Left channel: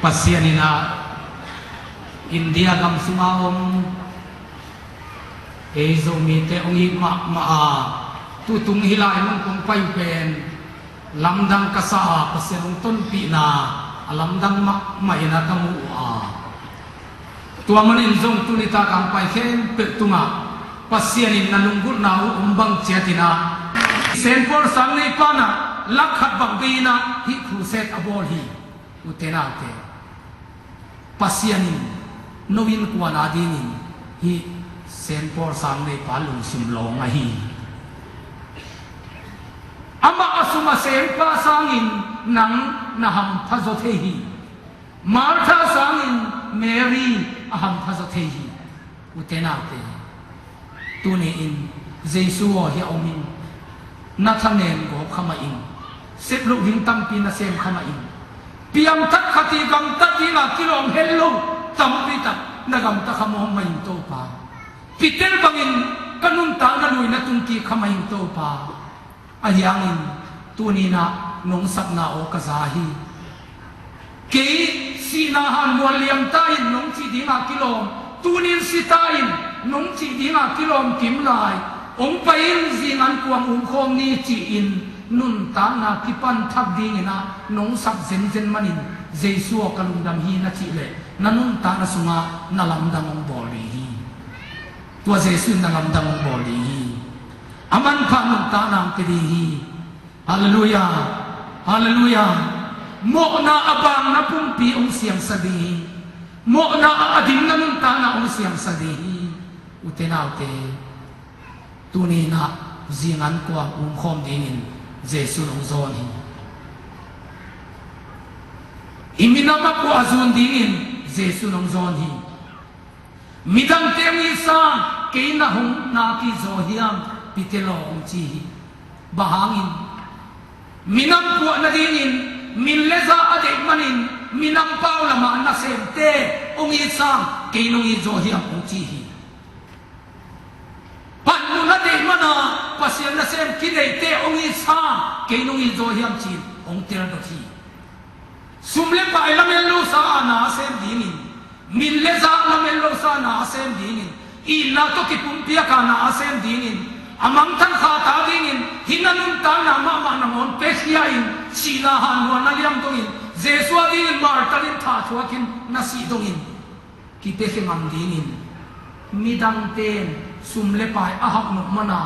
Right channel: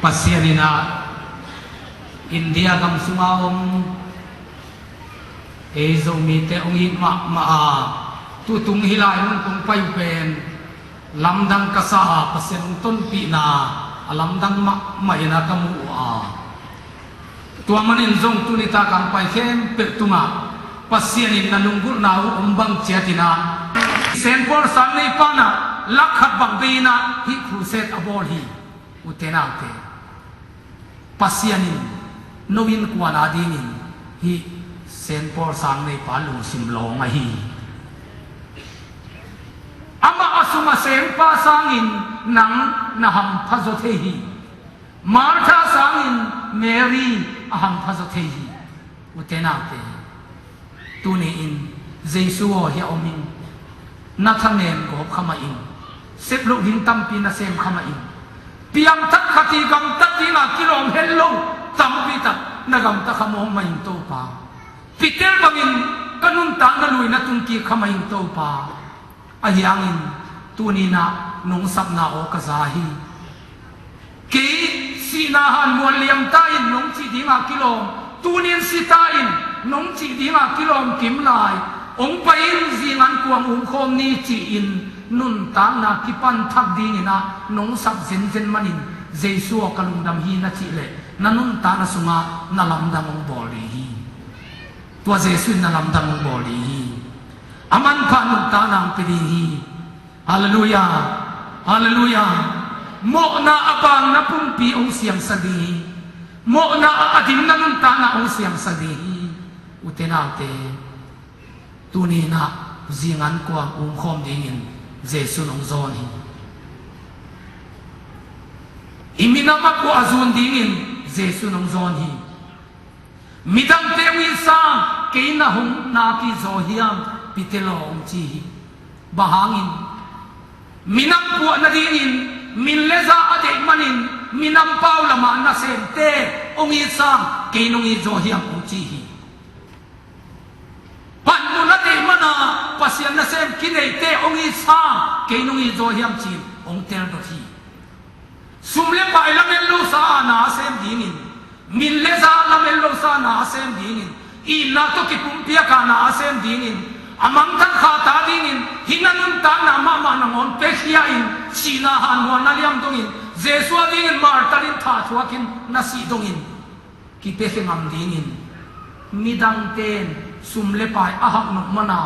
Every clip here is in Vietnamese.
pasianina India kam sunga ezo mi te ongi ma tutung hilai mong kung pai pen lamdang kasa pasianong ton pi na alamdang ma ina kamu tua manin zong tunita kang pai khem petunga pasianin nanunggul na umbang ciatina senpor sangnei pana lakhat bangbina hi khuset abol hi utenate pasianin nowin kuana dingin hi senpor sangnei palung simlong hi ama asuma senpa sangin nang naham phazothehi martha sangin mary aham phazothehi utenate tuni in jesu hi omin nathanen go khama in seplu hing tampi na sem khama in piam tak khati gam tatina kilom hello tampi tak nagam ta khamo main to pa pitel bangin kanun ta na lui na tungki khama in to pa ahyangin tuni na nong sap na o kazahi ke sinahan mualiam tain nong chi dinga kilom tunin sitain nong chi dinga kilom kimlai ong pain zingan kuang khom ni chi in nun ta na kipan thak ding na nong sap zen manin jesu kalungdam hi na chi le nanun ta na sunga na lamdang ong boli hi tua jesu na lamdang ong boli hi aman pa nun ta nang pedi hi hallelujah hallelujah mo na abang na pumpi ong siyang sadi mo na adim na nun ta na ong siyang sadi utenaute tuni na zingan ko ang khom dingin jesu nong zon hi iminama ko azun dingin jesu nong zon hi midang temi sa keina hong na ki zohiam pitelo ong chi bahangin minam po na dingin minleza ade manin minam paula ma na sente ong isang keinong izohiam ong chi hi panmuna de mana pasian na sem kidei te ong isa keinong izohiam chin ong tel do thi sumle pai lamelo sa na sem dingin mille sa lamelo sa na sem dingin ina to kipumpia ka na sem dingin amang tan khata dingin hinanun ta na mama nangon pesia in silahan wa naliam dongin jesua dingin martalin tha thuakin nasi dongin ki pefengam dingin midang ten sumle pai ahak nok mana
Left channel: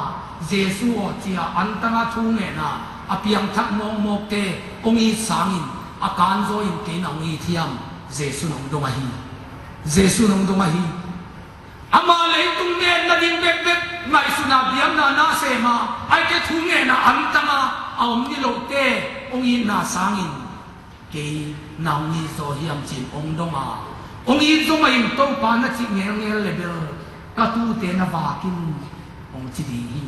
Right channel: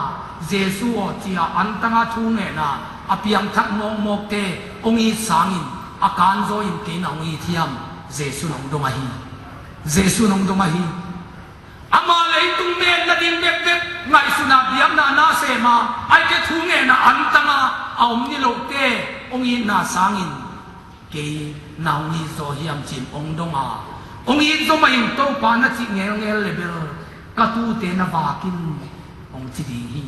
jesu o chia antanga thunge na apiang thak mong mok te ongi sangin akan zo in ke na ongi thiam jesu nong donga hi jesu nong donga hi ama leitung men na din bek bek ngai suna biam na se ma ai ke thunge na antanga aum ni lo te ongi na sangin ke na ongi zo hiam chin ong donga ongi zo mai to pa na chi ngel ngel level katu te na bakin ong chi di hi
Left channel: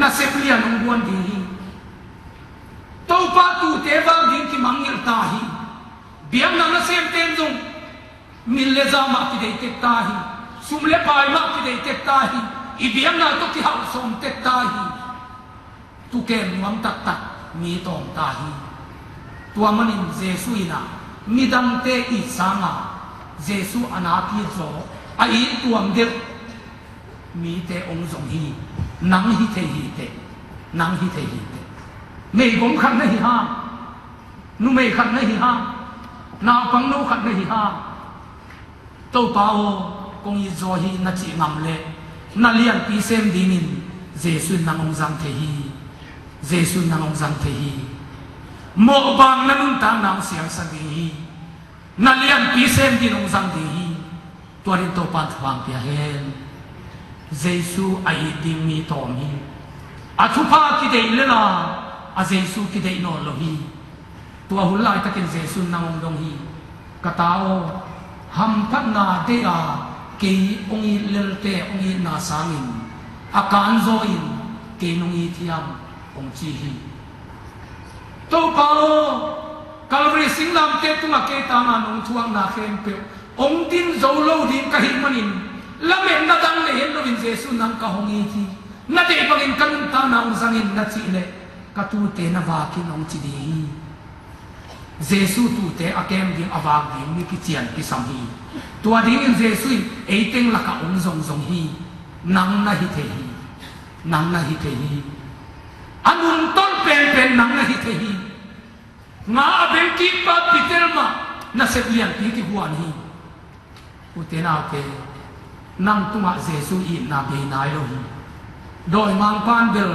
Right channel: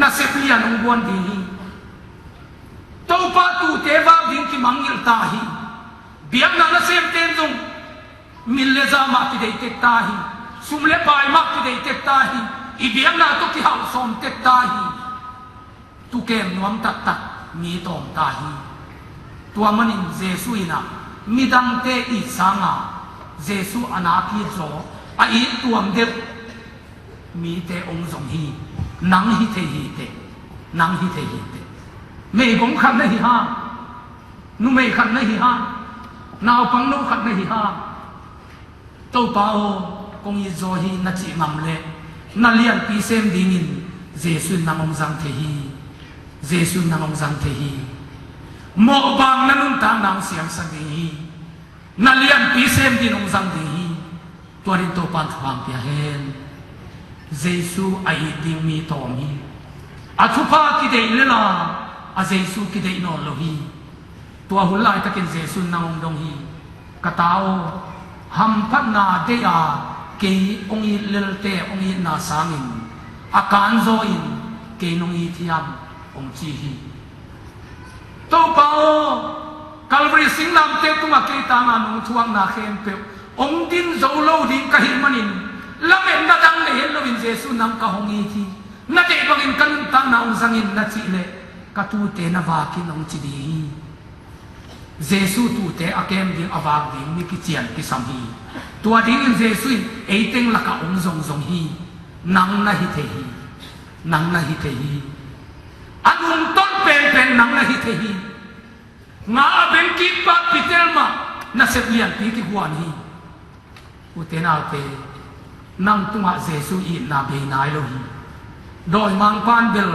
na seplian ong buan di hi to pa tu te ba din ki mangil ta hi biam na sem ten dung mille za ma ki dei te ta hi sumle pai ma ki dei te ta hi i biam na to ki hau som te ta hi tu kem nuam tak tak mi tom ta hi tua manin jesu ina midang te i sanga jesu anaki zo ai tuam de mi te ong zong hi nang hi te hi te nang hi te hi te mei gom khan na hi ha nu mei khan na hi ha naw pang nu khan na hi ha to pao kong i zo hi na chi ngam le na lian pi sem dingin jesu nang ong zang te hi jesu nang ong zang te hi mo bang na nun ta nang siang sa di hi na lian pi sem din ong zang di hi tuarin to pan thwang pia hen jesu ai ding mi tom hi athupa ki dei lela a jesu ki dei no lo hi tua hulai takin jesu nangong dong hi katao ham phat na de a ke ongi lelte ongi na sangin akan zo in ke nongi thiam ong chi hi to pao kalvri singlam te tunga ke ta na nong thuang na khem pe ong tin zo lo din ka hi manin lamen na dang le hen lovin jesu nang ka hongi thi na de bangin kanun ta na ung sangin na chi le ka tu te na va ki nong chi di Giêsu tu te akem ding awak ding ni ki chian ki sam hi tua ding in Giêsu eiteng la ka ong zong hi nang na hi the hi nang na hi the hi anun ton pen nang na hi the hi nga ben ki pa pitelma na setlian ti ki huan hi utena te nang tunga Giêsu i na be nai lo hi doi mang pan bel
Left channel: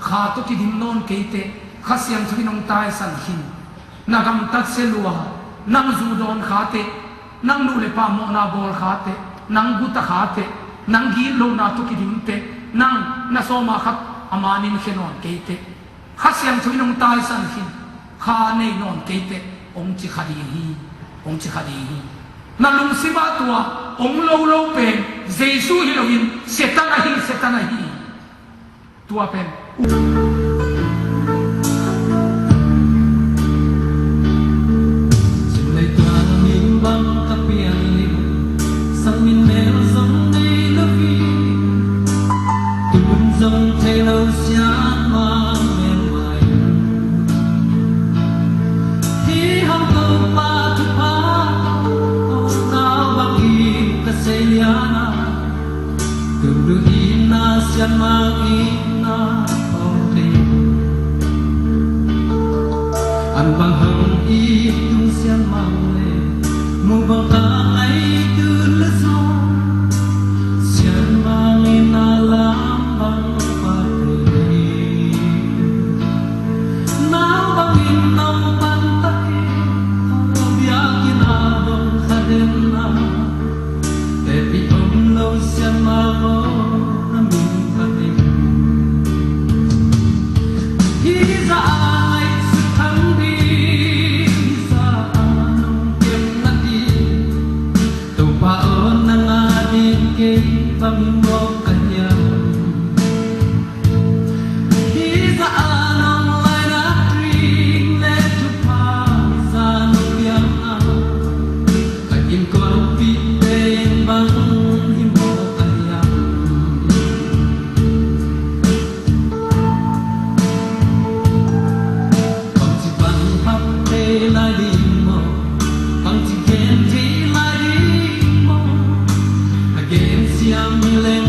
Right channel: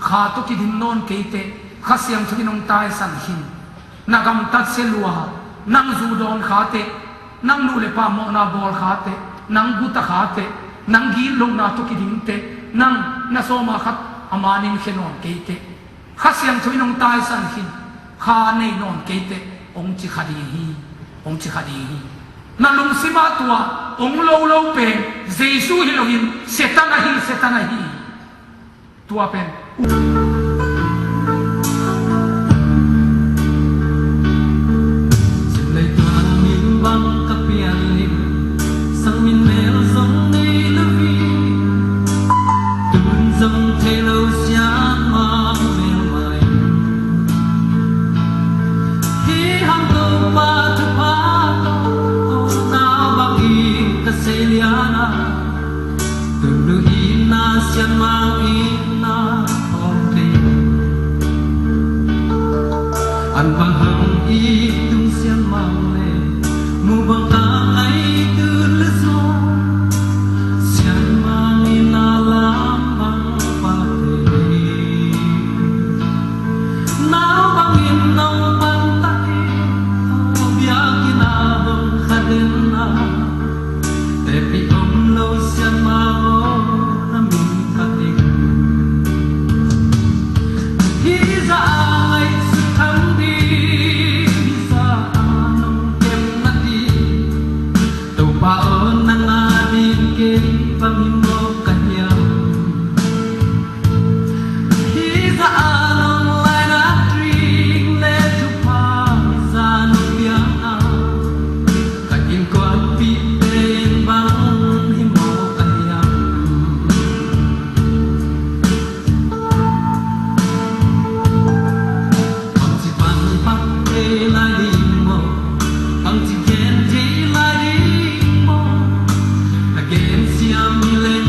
kha to ki dim non ke te khasiang thu nong tai san hi nagam tat se lua nang zu don khate nang nu le pa mo na bol khate nang guta khate nang gi lo na to ki dim te nang na so ma khat amanin khenon ke te khasiang thu nong tai san hi kha nei non ke te ong chi khadi hi na lung sima tua ong lo pen Giêsu hi lo hin setana hi tua pen An bang hang i dung xian mang le mu bang ta ai tu le so xian mang i na la bang pa te na bang in nong pan ta o bia ki na bang kha den na le pi om lo xian ma o na min pa te hi za Pamingo kanyam Hiza anong lai na tring le tu pa sa nong yang kain ko ang piten bang himo kanyam pang si pang pap te la di mo pang si gen te la di mo again siam le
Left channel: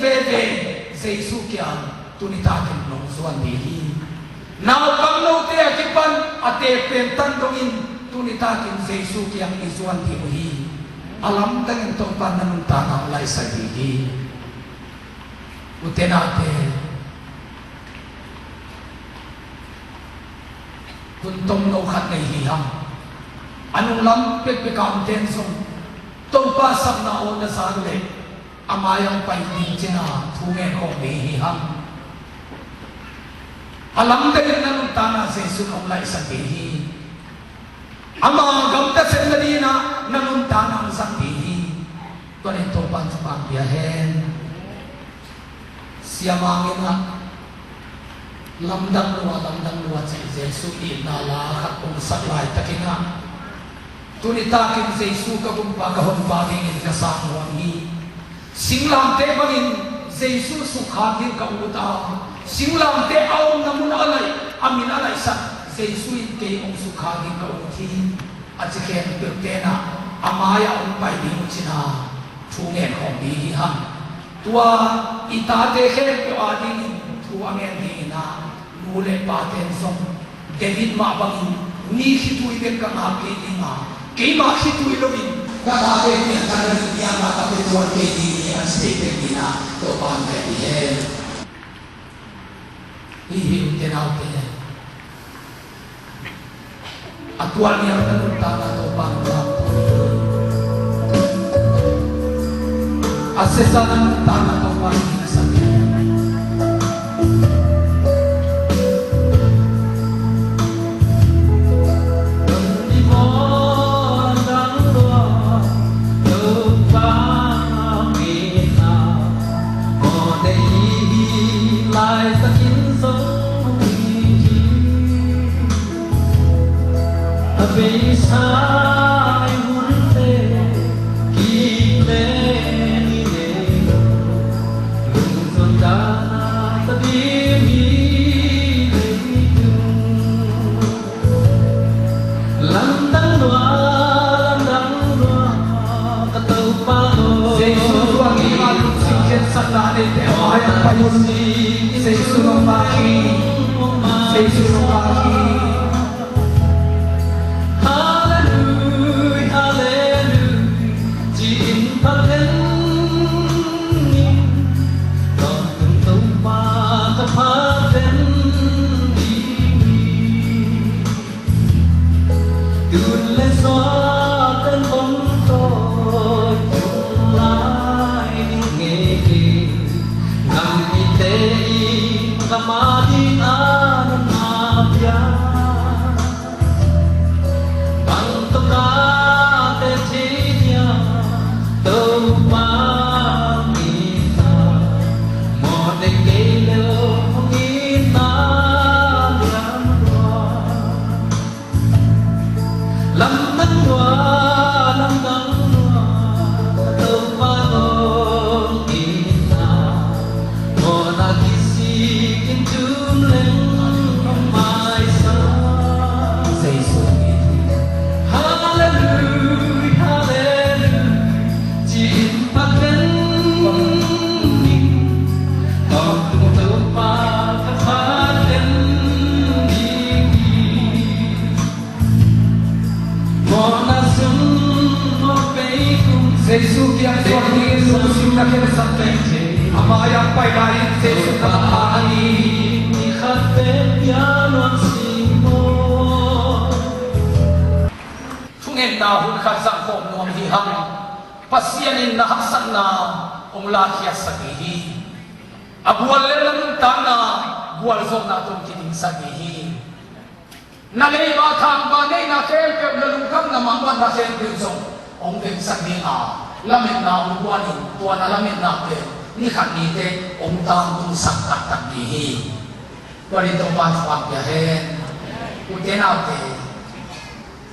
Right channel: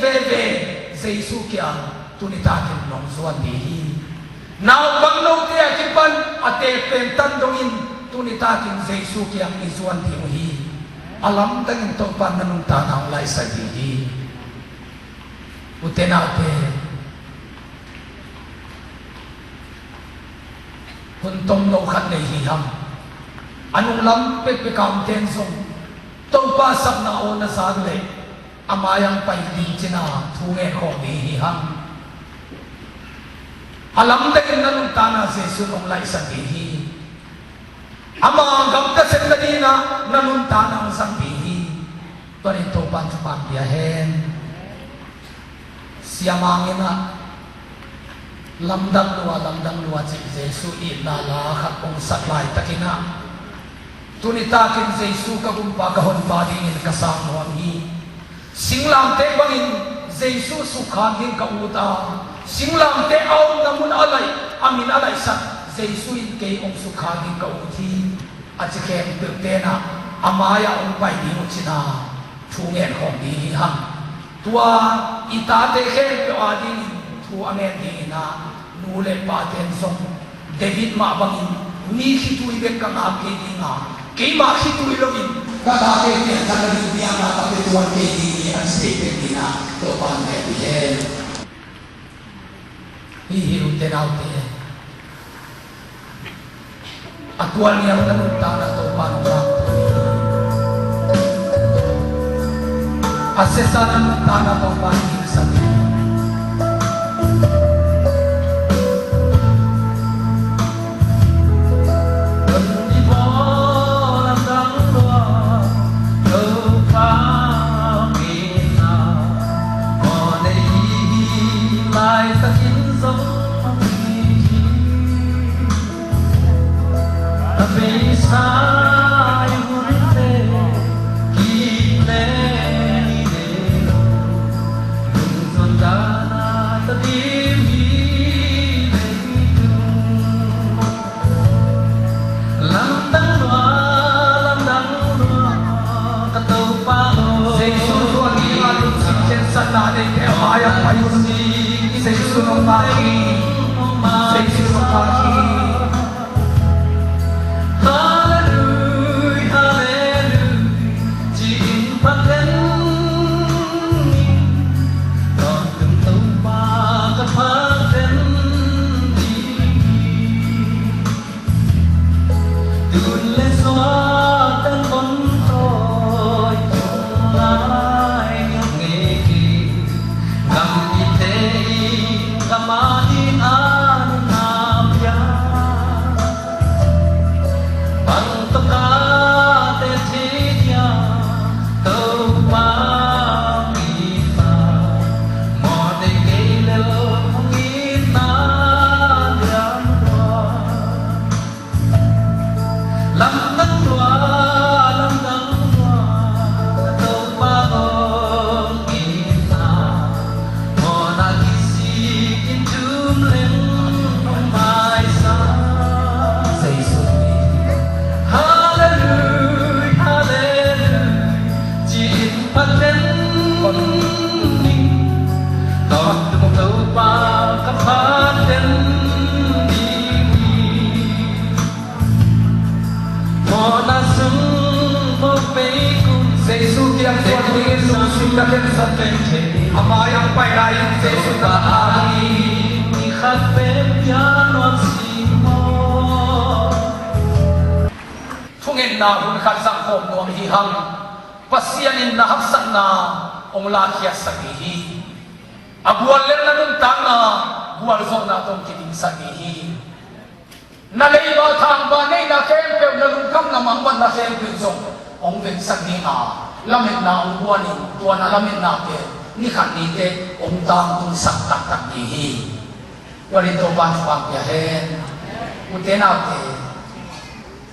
ve ve Jesu kya tuni ta kin long suan di hi now bang no te akipan ate pentan dongin tuni ta kin Jesu kya izuan di hi alam tang to pan nan ta na lai sa di hi utena te tuntong no khat nei hi ham anung lam pe pe kam ten song tong pa sak na o na sa le amayang pai din china thunge ko ni hi ham alam de nan ta na se su nong lai sa di hi ama gam ta sen na ni na nan ta na sang di hi to ni to pan sa pan ya hen siamangena lamdang luwa si Jesu ina la khat ong saklai takina tunita kin Jesu ka gumpa ka hon ba ding in kasang hi singlam te bangin Jesu sukha din ka uta singlam te aw namun alai amin alai sa Jesu in ke ong sukha din ka uti achike te na amaya ong pai din china thungen hong di ham tua itate khe pe ading thu amen di na nule paten song David ma bangin ni hitu iben ka na ke di na ke ma hitu ilovin ka da ke ni ka ni dia ma ta ke tuan ke di ni an stay di na to pan ke di he hi utte na utte atual ni ang ta na to pan na asesan ta na to pan ni sa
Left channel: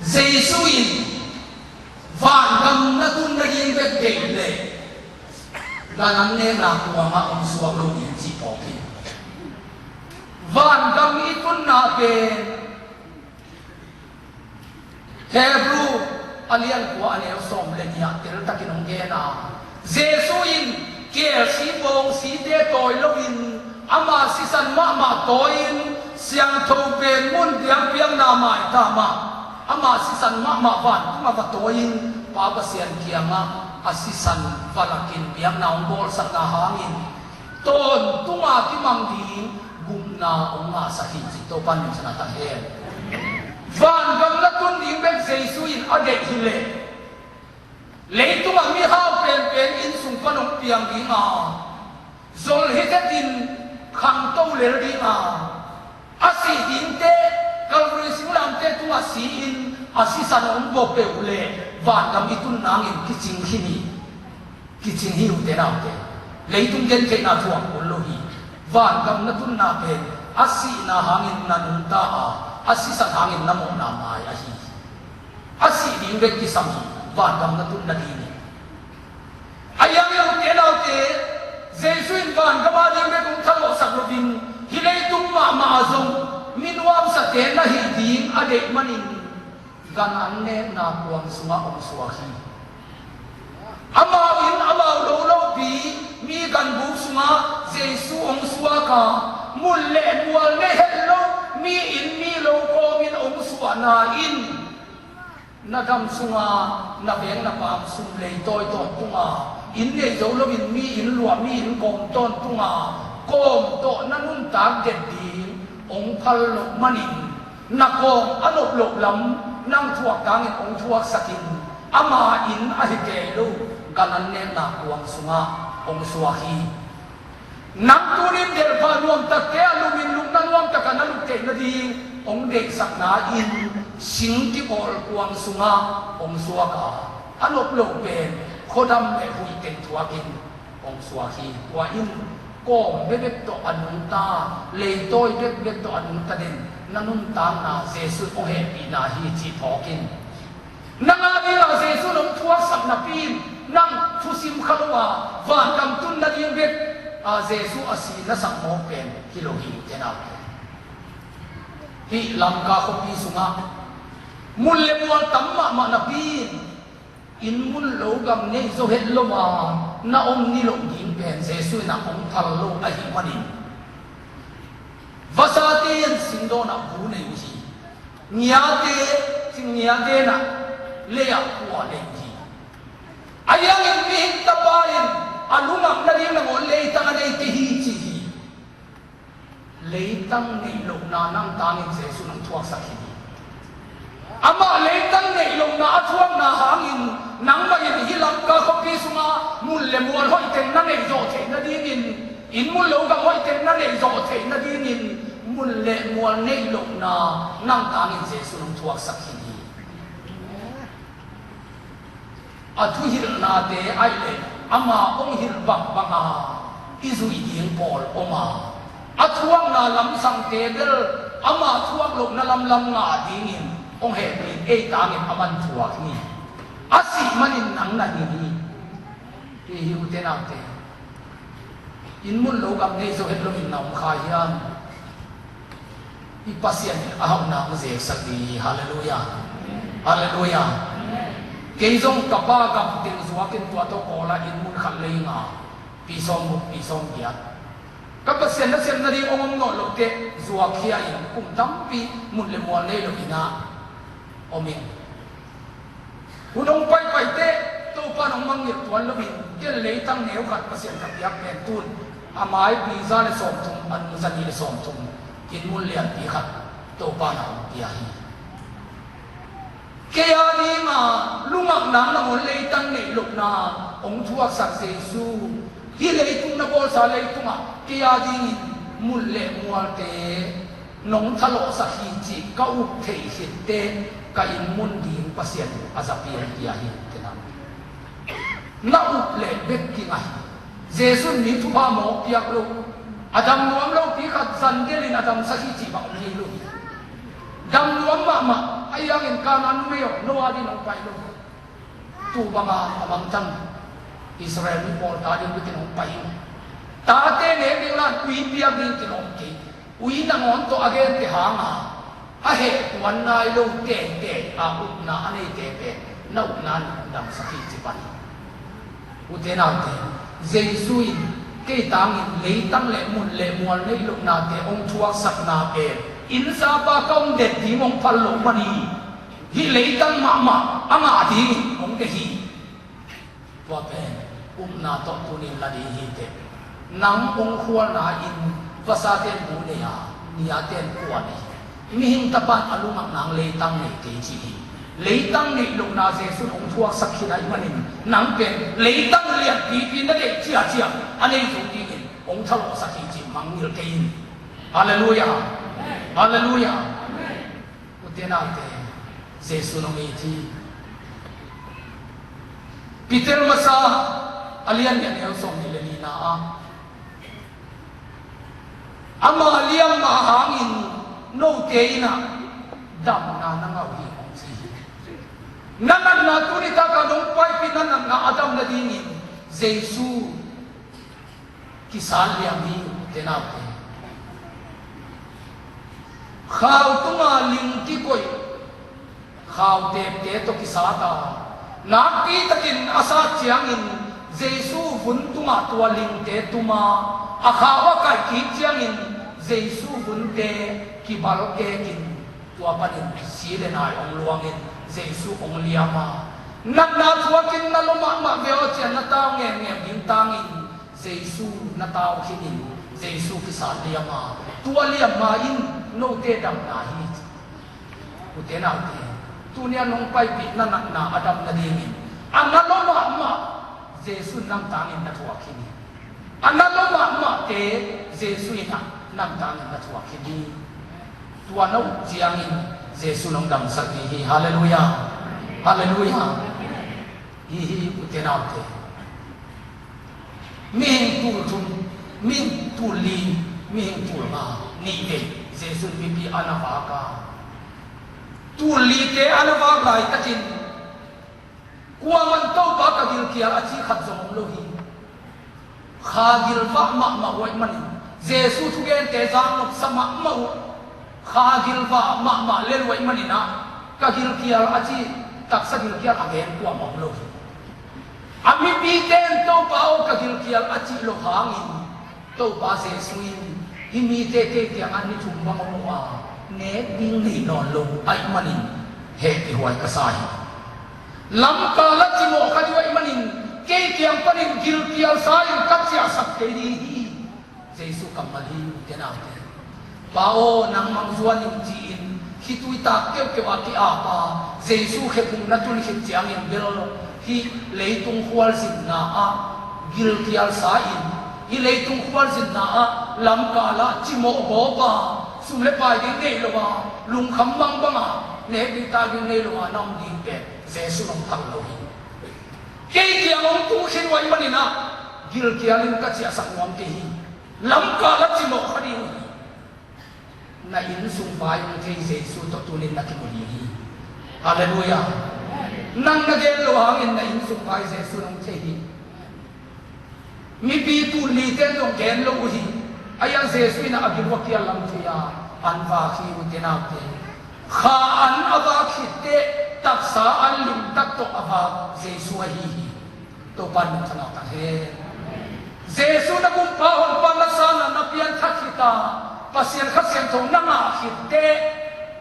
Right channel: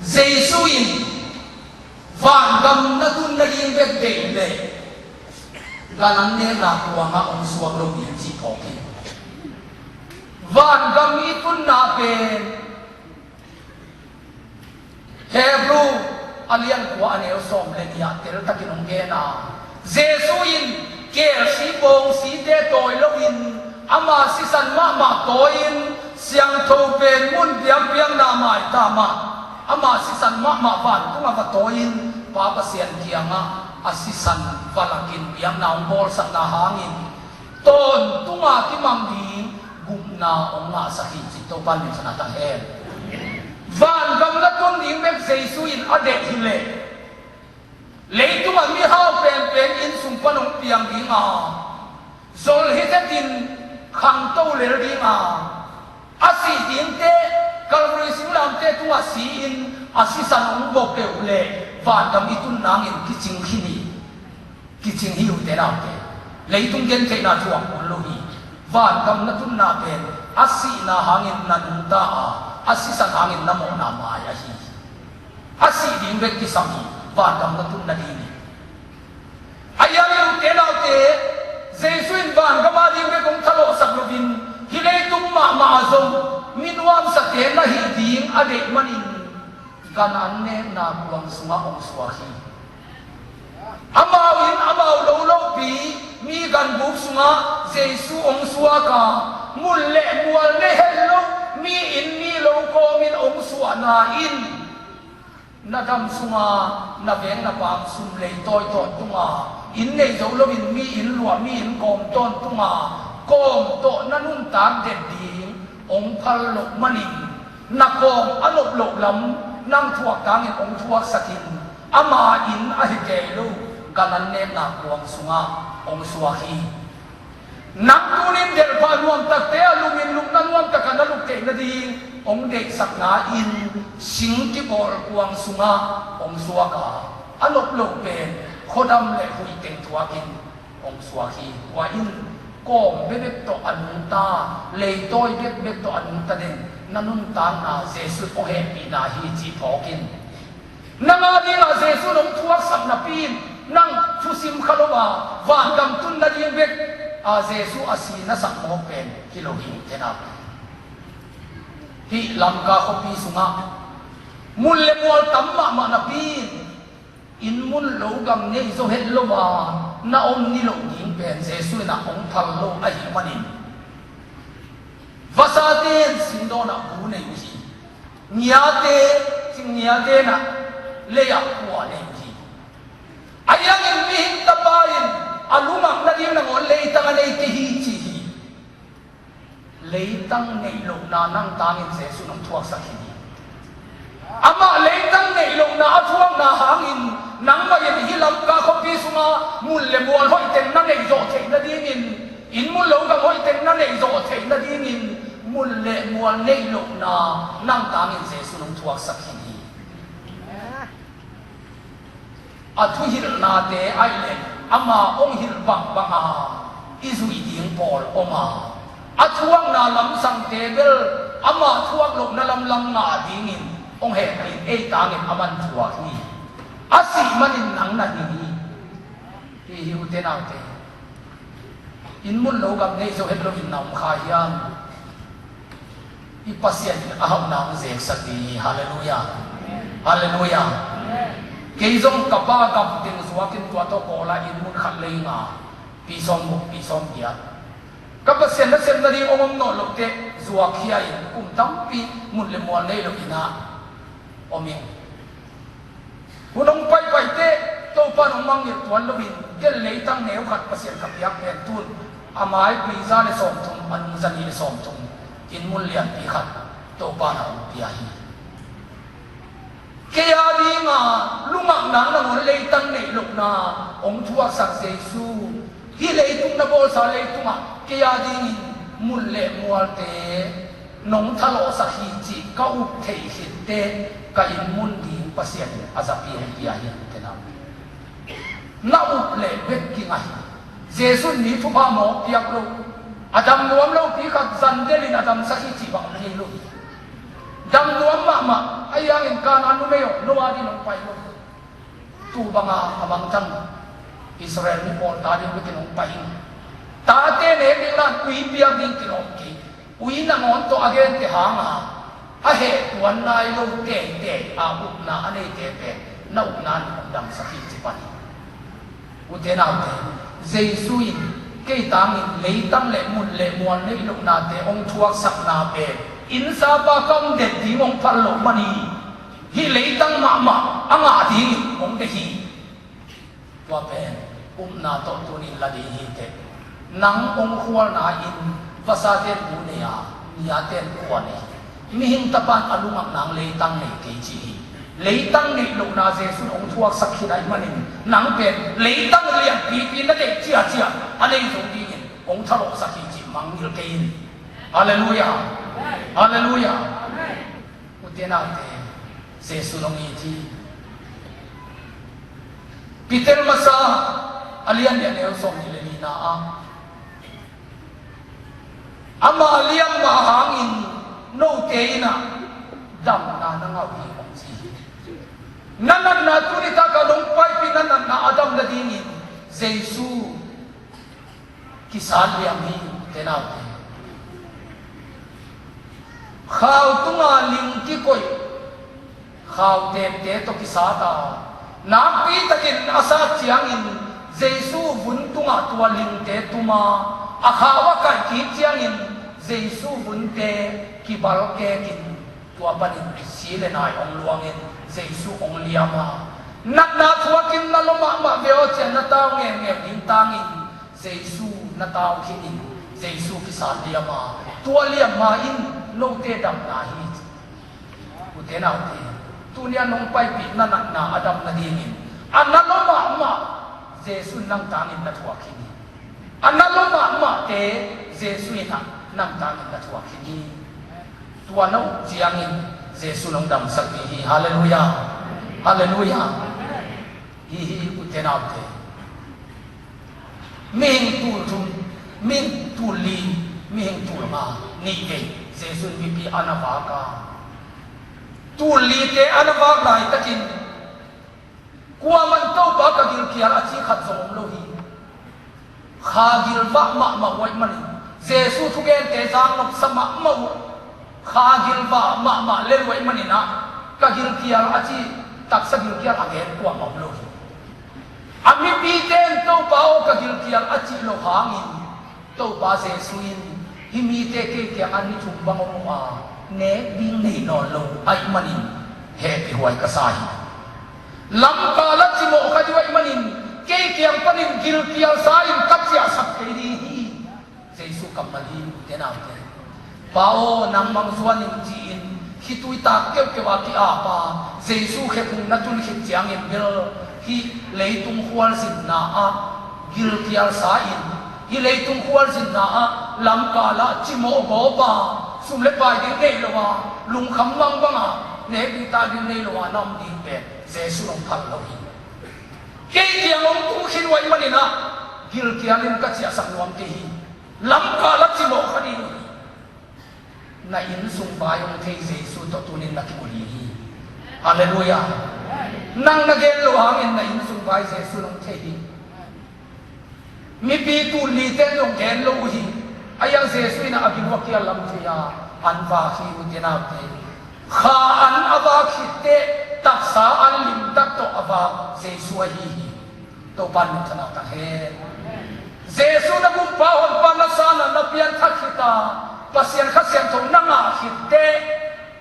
Jesu in van gam na tun na yin bet de le ganan ne na tuwa ma ang suwag lo yin si poki van gam itun na ke Hebrew alian ko ane som le niya tel takinong ge na Jesu in kẻ sĩ bông sĩ đế tội lâu in ama sĩ sẵn mà tội in siang thâu bền muôn biang biang na mai ta mà ama sĩ sẵn mà vạn tung và tội in ba ba sian kia nga sĩ sẵn và là kinh biang na ông bol sẵn na hangin tôn tung cái mang đi gum na ông nga sa hi chỉ tô pan mình sa ta hen van gam la tun ding bek Jesus in ade hile lấy tung mi hao pen in sung pan ông piang đi nga zol hết tin khang tô le đi nga asi ding te kalri siulam te tu asi in asi san ông bok ke le van gam itun nang in kiching khini kiching hiu te na te lấy tung gen ke na thuang ul lo hi van gam na tun na pen asi na hangin na nun ta asi san hangin na mo na ma ya hi asi ding bek ki sam van gam na tun na di ni ayang yu te na te jesuin van gam a ding bek kong thalo sak lo din hi lei tung ma zong minwam sa te na hi ding ade manin gan an ne na kuang sunga om suwa hi amau in amau lo pi mi gan bu sunga jesu ong suwa ka mul le mual ne hello mi in mi lo ko min ong suwa na in na dam sunga na veng na pam sum le toy ton tunga in ne zo lo in mi in lua mi in kom ton tunga kom to na nun tak det ding ong phal lo manin na kom anop lo lam nang thuak tang ong thuak sakin ama in a hi ke lo ganan ne na kuang sunga ong suahi nang turin del pa nuam tak te alumin lum na nuam tak na luk te na di ong de sak na in sing ti bol kuang sunga ong suaka anop lo pe khodam le hui ten thuakin ong suahi wa in kom bebek to anung ta le toy bebek to anung ta den nanun ta na Jesus o he pi na hi ti thokin nanga di na Jesus long thuak sak na pin nang thusim khaloma van gam tun na ding bek a Jesus asi na sak mo pen kilohi tena hi lamga ko pi sunga mul le mol tamma ma na pin in mul lo gam ne zo het lo wa na ong ni lo ding pen Jesus na ong thal lo a hi manin vasatin sindo na bu ne hi niate sing niate na le ya kwa le ayang in mihin tapayin alumang na din ng leitang anay tihi leitang nailong na nang tangin sa Yesu ng tuwag sa hini ama leitang nailong na atuwang na hangin nang mayin hilang kakapiso nga muli mual hoy ten na naizote na dinin in mulaw kang hoy ten na naizote na dinin muli mual nailong na nang tangin sa Yesu ng tuwag sa hini at hil na te ay le ama ong hil bang banga izu iding pol oma at huwag na lamsang tebel ama huwag lok na lamlam nga dingin ong heblin ay tangin aman huwag ni at si manin ang nanini ihiute natin inmun logam na iso heblin na kayan ipasyan aham na ang zek di hallelujah hallelujah Keizong kapa gam ting suakin tua to kola in mun khat lei nga pisong muk pisong dia kapa sen na ri ong no lo te zuakhia in tampi mun le mo le lo ina omi unong pai te to pa nong mang yet tuan lo bin gel le tang neu khat pasien khat yak pen tun amai biza le som thum an zani le som thum in mun lian ti khat to pa nong ti hi kaya di nga lumak na ng leitang nailok na ong tuwag sa Jesu hileitung na bol sa leitung kaya di muli mualte nong talo sa hiji kaup te hite kain munding pasien asapir iyahin tenam nauple bekki nga Jesu ni tupa mo piyak lo adam luam lo pikat zandelin adam sa hiji bang nahilo dam luam mama ayang in kanan no mayo no adi no pailo tu banga amang tang Israel ni pon tadi bikin no pahin tate ne de la kui piang din kinong ki ui na mon to again te hanga a he tuan nai lo te a u na ane te na u na dam sa hi ti pan u te na te Giêsu cái tang lấy tăng lệ một lệ muan lấy lúc nào để ông thua sắc nào về in sa ba công đẹp thì ông phật lộ mani hi lấy tăng mà anh à thì ông cái hi và về na to tu ni là đi hi thế nang ông khua na in và sa tên bu này à nia tên của này mi hình tập ban alung nang lấy tăng này cái gì lấy tăng này lúc nào Giêsu ông thua sắc khi này mani nang về lấy tăng liền thì nó để chia anh ấy dùng đi ông thảo luận sắc khi mang nhiều cái Hallelujah Hallelujah Ute na te Giêsu nong iti Peter masa alian yan yung song nila na ama liam mahangin no te na dam na nangawi ang si nanan na tunita ka nung pay pinanan na Adam na dingin Giêsu kisali ang hiyo tenate khao tunga lim ki koi khao te to kisata na pi takin asa chiang in Giêsu vun tunga tua lim te tuma akhawa ka ki chiang in Giêsu vun te ki bal ke kin tua panin sile nai om luangin Giêsu ong liama nat na tua kin na loma ma veo chen na ta nge bin tangin Giêsu na tao kinin Giêsu kisali ama tua liama in no te dam na hi ute na te tunia nong pai pi na Adam na dingin analoma ma Giêsu nang tangin na tua kini analoma ma te Giêsu ina nang tangin na tua kini tua no jiangin Giêsu nong dam sa hi hallelujah hallelujah hi ute na te Ming tu li ming tu ma ni ke Giêsu bibi anavaka tu li te anavaka itakin kuwa man to ba ka gil kiya achi khat zong lo hi kha gil va ma wai man Giêsu thu gen te jang nok sama ma kha gil va ma le wai man na ka gil kiya achi tak sa gil kiya again kuwa ma lo hi ami piten to bao ka gil kiya achi lo hangin to ba Giêsu himi te ke ani chumbang mo a ne ding ni no lo ai manin he pe huai ka sai lam ka la ti mo ka wai manin ke kiang panin gil kial sai ka chia sak ke di hi Giêsu kamali te na te bao nang mang zuan ning ji in hitui ta ke wa ti a pa Giêsu he kung na tul hit chiang in bel hi leitung hual sin na a gil kial sai hi leitung hual sin na a lam ka la chi mo go ba sum le pai ding nei lo wa lung kham bang bang a ne bi ta ding nei lo wa nam ding pe Giêsu long thak lo hi ke ki long ku khin wai mani na gil ki anin ka chia sak nuam te hi lam ka la chi mo ka ding na in sum bai ong te Giêsu to tu nin na ki mo hi hallelujah nang na gen lo hang in na in sum bai Giêsu long te hi mi bi tu li ten long gen lo hi ayang Giêsu na agin wa kia lam thia an va khi utina te kha an ava khitte tak sa an lim tak to ava Giêsu hi to pan thana ta he Giêsu na kum pa hon pa na sa na pian khita pasien khasian thong na nga khitte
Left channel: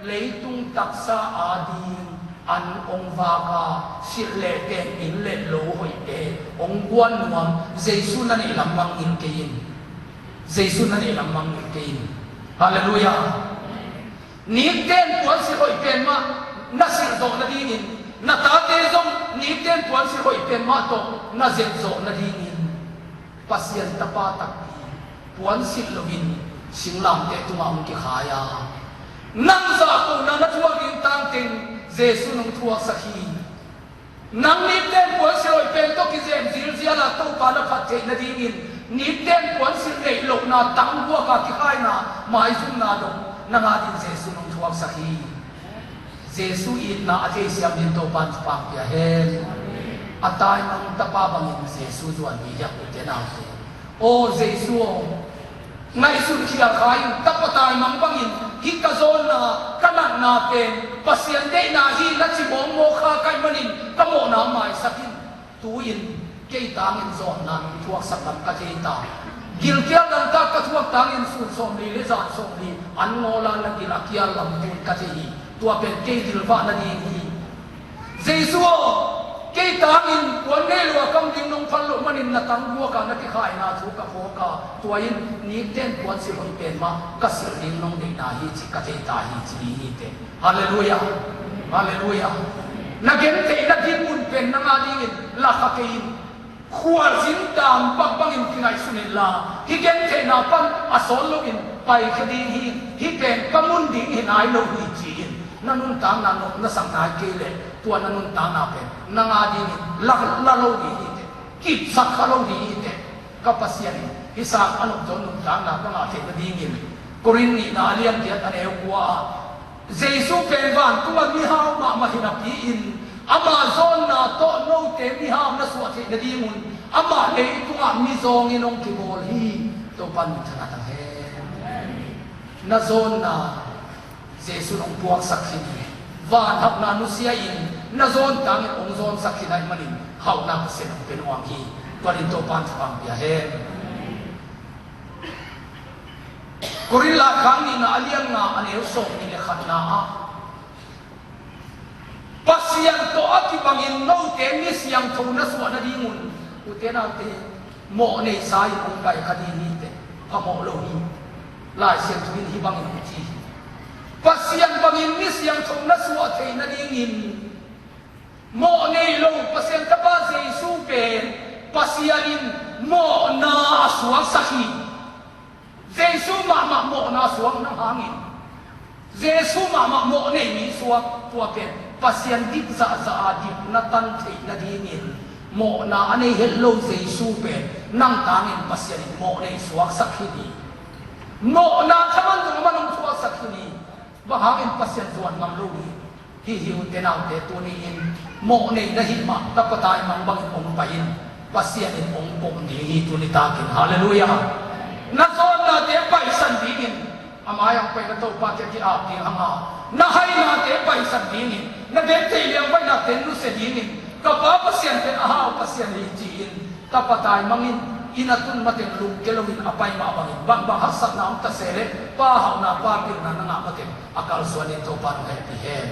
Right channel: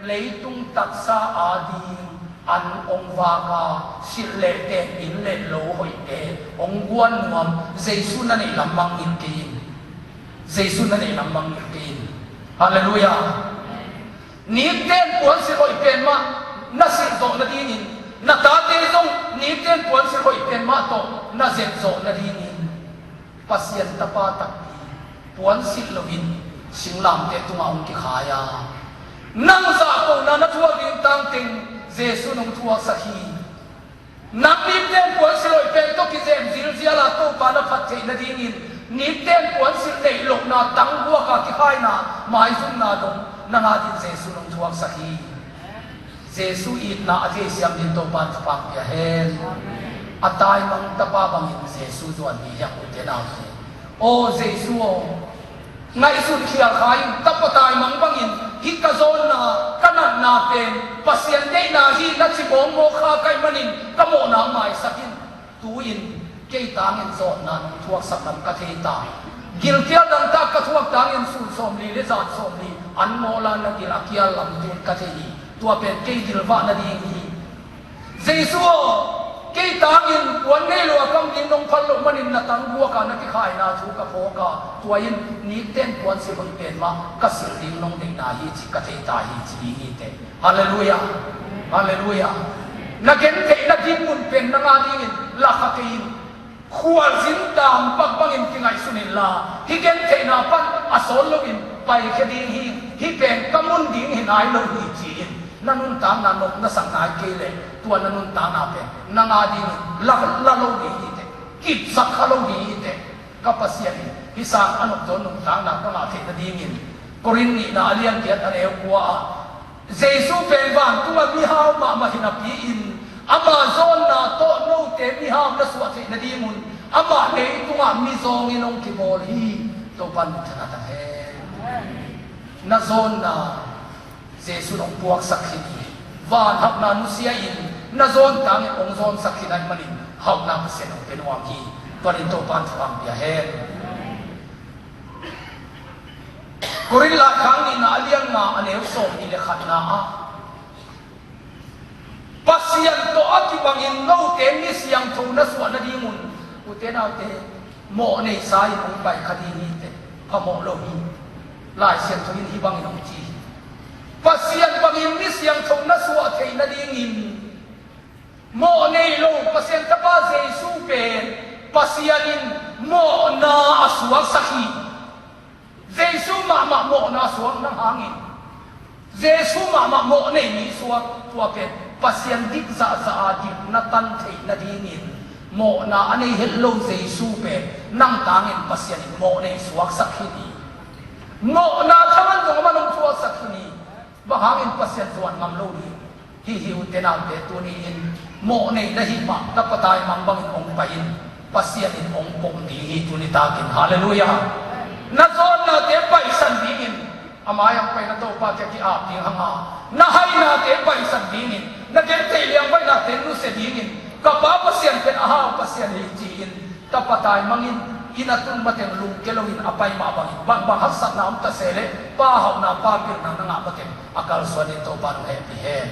leitung tak sa adi an ong va ka sil le te in le lo hoi te ong guan ngam Giêsu na ni lamang in kein Giêsu na ni lamang in kein hallelujah ni ten puan si hoi pen ma na si zo na dinin na ta te zong ni ten puan si hoi pen ma to na zen zo na dinin pasien tapa tak puan si lovin singlam te tuma ong ki khaya nang sa ko na na thua bin tang ting Giêsu nung thua sa hi nang ni ten puan si hoi pen to ki zem zil ziala to pa na phat the na dinin ni ten puan si nei lok na tang bua ka ki khai na mai zum na dong na nga din Giêsu nung thua sa hi Giêsu it na ate siam din to pan phang ya hen atay mang tapa bangin Giêsu zuan hi yak te na o Giêsu ngai sun khia khai tapatay mang bangin hi ka zon na kanan na ten pasien de na hi na chi mo mo kha kai manin ka mo na mai sakin tuin cây tang in giọt nan thuốc sắc nam cắt thi ta gil kia nan ta cắt thuốc tang in sun som li le zat som li an ngola na gil akia lam tun cắt thi tua pe cây gil va na di hi Giêsu cây tang in quan nghe lo cam in nong phal lo manin na tang bua ka na ki khai na thu ka pho ka tua in ni ten quan se hon ten ma ka se ding nong ding na hi chi ka te ta hi chi hi te hallelujah hallelujah na gen te na din mun pen na nga ding la ka ke khua zin tam pak bang in kingai sunin la hi gen te na pan asol lo in pai ke ding hi pen kamun ding hin ai lo hi chi nanun ta na nok na sang na ke le tua nanun ta na pen na nga ding la lo hi te kip sak kha lo hi te kapasian hi sa anok don nong ta na ka na te na ding in korin ni na alian tiat an eu kwa Giêsu pen van tua mi ha ma hinapi in Amazon na to no te mi ha na suat na di mun ama le tunga mi zong inong ki bol hi to pan thana ta he na zon na Giêsu nong puak sakhin van hap na nu sia in na zon tang ong zon sakhin ai manin hau na se nong penuang hi to to pan thang pia he Kurila kang ina aliang na aneo so ni le khat na pasian to ati bangin no te ni siang thong na so na di mun u te na te mo nei sai ong bai khadi ni te pa mo lo hi la sian thong hi bangin ong chi pasian bangin ni siang thong na so te na di ngin mo nei lo pasian ta ba Giêsu pen pasianin mo na asuak sahi Giêsu ma mo na suak nang hangin Giêsu ma mo nei ni suak tua pen pasian dik za dik na tan thei na dingin mo na ani hello Giêsu pen nang tangin pasian mo nei suak sakhini mo na thaman jong manong suak sakhini ba hangin pasian tuan ngam lo ni hi utenam te tu ni in mo nei na hi ma na patai mang bang ong pain pasian in ong pom ni hi tu ni takin hallelujah na zon na te pai san dingin amayang pai na to pa te ki ap ding hanga na hai na te pai san dingin na gen te liang pai na te nu se dingin ka pa pasian pen aha pasian li jiin ta patai mangin inatun maten lung kelongin apai ma bang bang hasak na am ta sele pa hau na pa pin na nga maten akal suani to pa no happy hen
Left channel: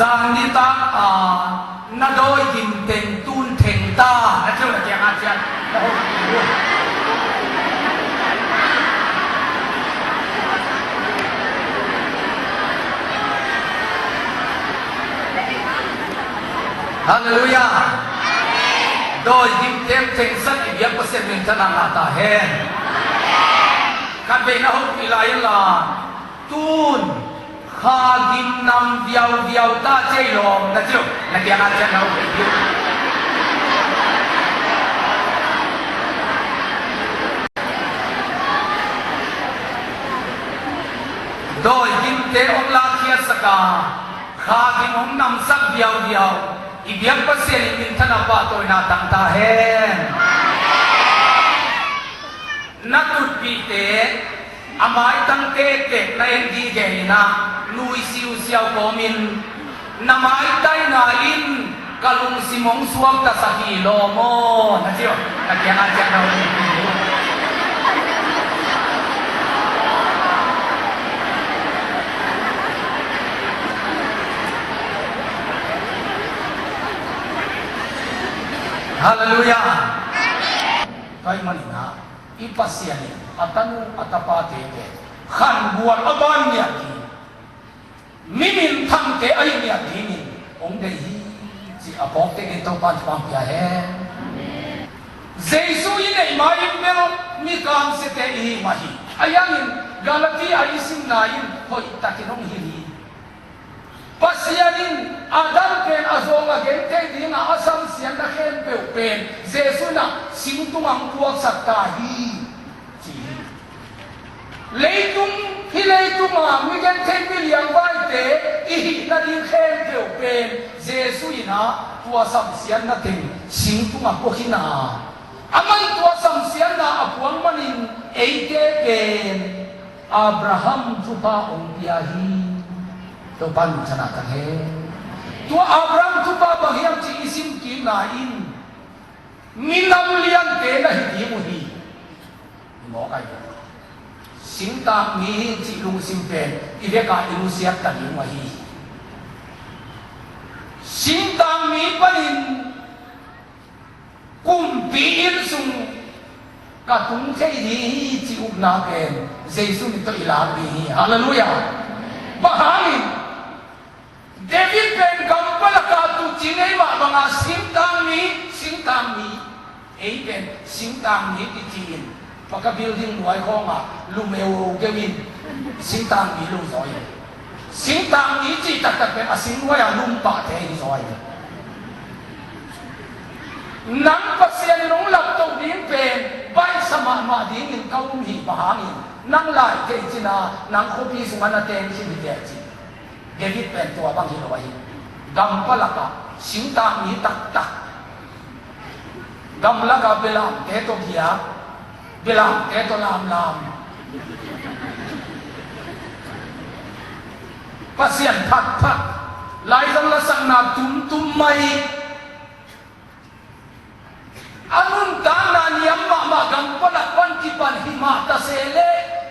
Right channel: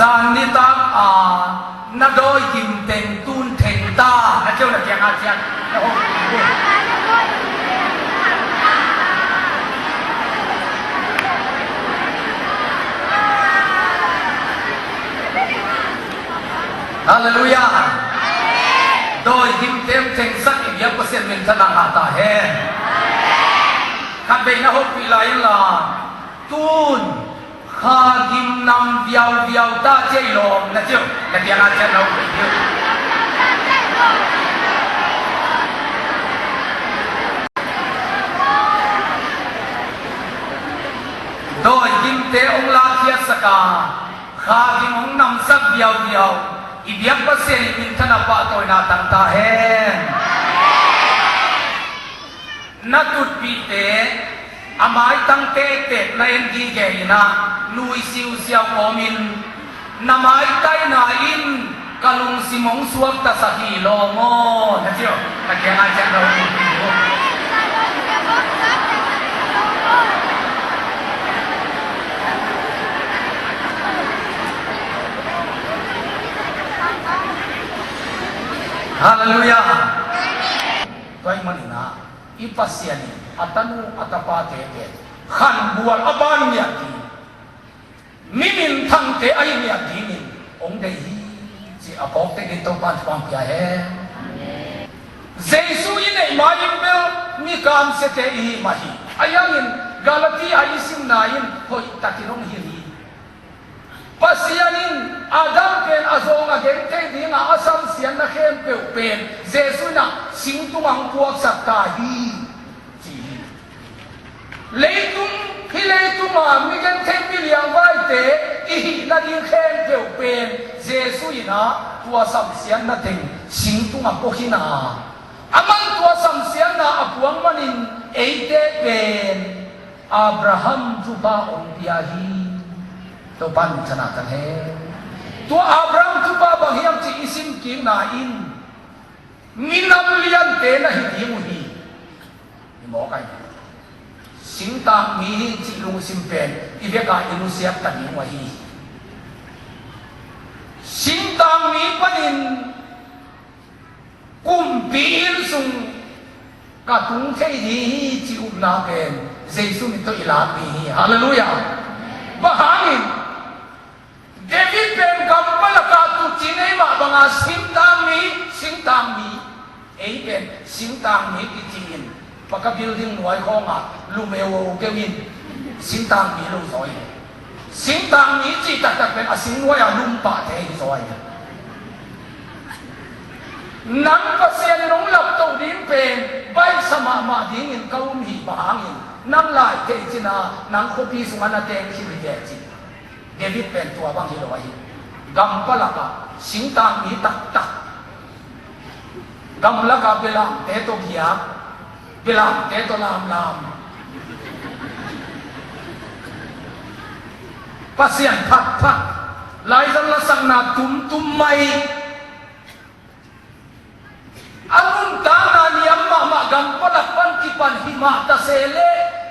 Giang ni tak na đôi kim tình tuôn thèn ta na kêu là kẹo hạt chè Hallelujah đôi kim tem thèn sắc ý biết có xem mình thân làm ta hen khăn về na hốt bị lại là tuôn Kha kim nam viau viau ta chơi lồng là chưa là tiếng Anh chơi lồng là chưa đôi kim thế ông la thiệt saka kha kim ông nam sắc viau viau ít biết có xem mình thân apa tôi na tăng ta hen na tụt bị thế amai tăng tê tê na em đi về na nuôi siêu siêu của mình namai tay na in kalung simong suam ta sa kilo mo na chưa na kaya nga dyan daw Hallelujah kay manina ipasyan atanu atapate khan bual aban niya Mimin thang te ay niya dinin ông đây si apok te ito pan pang kaya he Jesus in mai bel mi kan se te hi mahi ayangin Galati ay isim nain hoi takinong hili pasianin Adam ken azong again te di nga asam siyan na ken pen Jesus na singtumang puwag sa tahi leitung hilei ma mi gan thêm mi liang vai te i na ding khen beu pen Jesus ina tua sam sian na ting sing tu ma ko hina aman tua sam sian na apuang manin eite pen Abraham juba ong piahi to pan chana kan he tua Abraham juba bang hiam chi isim ki na in minam lian te na hi mu hi mo kai Sing ta mi chỉ lung sim pen ile ka inusiat ta ni mahi Sing ta mi panin kum bil sung ka tung thei hi chi up na ken Jesus ni to ila bi hallelujah bahangin David pen kampala ka tu chinei ma banga sing ta mi ei ken sing ta mi ki tin pagka building nuai ko nga lumeo gamin sintang mi lu soi sintang mi chi tak tak pen asing wa ya lum pa the soi nan pa sen nong lap tong din pen bai sama ma ding in kau mi bahangin nang lai te china nang ko pi sunga na ten chi bi ge chi David pen to bang hi loi gam pala ka sintang mi tak tak gam la ka belam te to kia bilang eto lam pasien pat lai dal la sang na tum mai amun ta na niam ma gam palak pan ki pan hima ta sele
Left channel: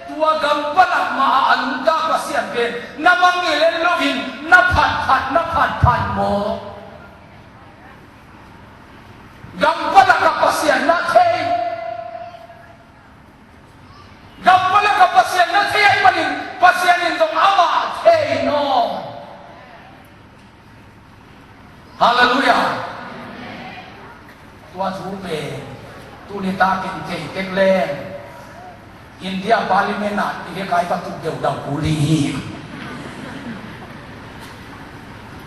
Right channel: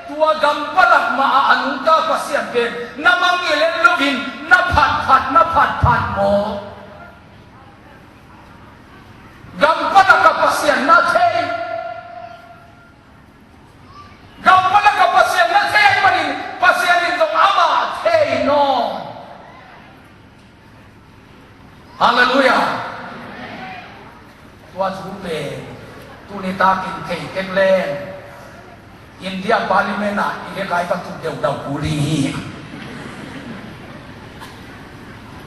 tua gam palak ma anun ta pasien ben namang ilen lovin na phat mo gam palak ka pasien na thei Gampala ka pasien na thei manin pasien in dong ama thei no Hallelujah tua su be tu ni ta kin thei ken len India parliament na ile kai ka tu deu dau puli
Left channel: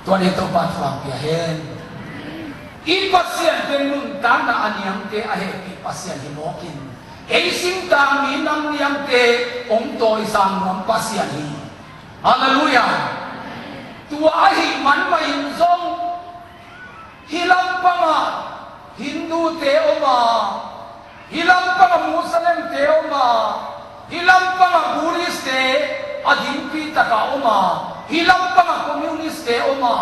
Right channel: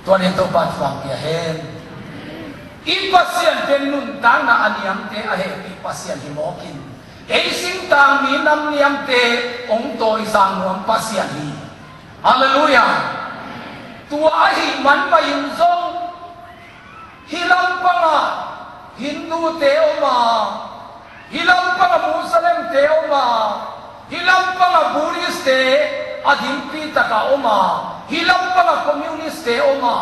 tua ni to pa swang pia hen in pasien ben nun ta na aniam te a he ki pasien hi mokin ei sim ta mi nam niam te ong toi sang ram pasien hi hallelujah tua hi man ma in zong hilam panga Hindu te oma hilam panga Muslim te oma hilam panga Buddhist te adimpi taka oma hilam panga communist te oma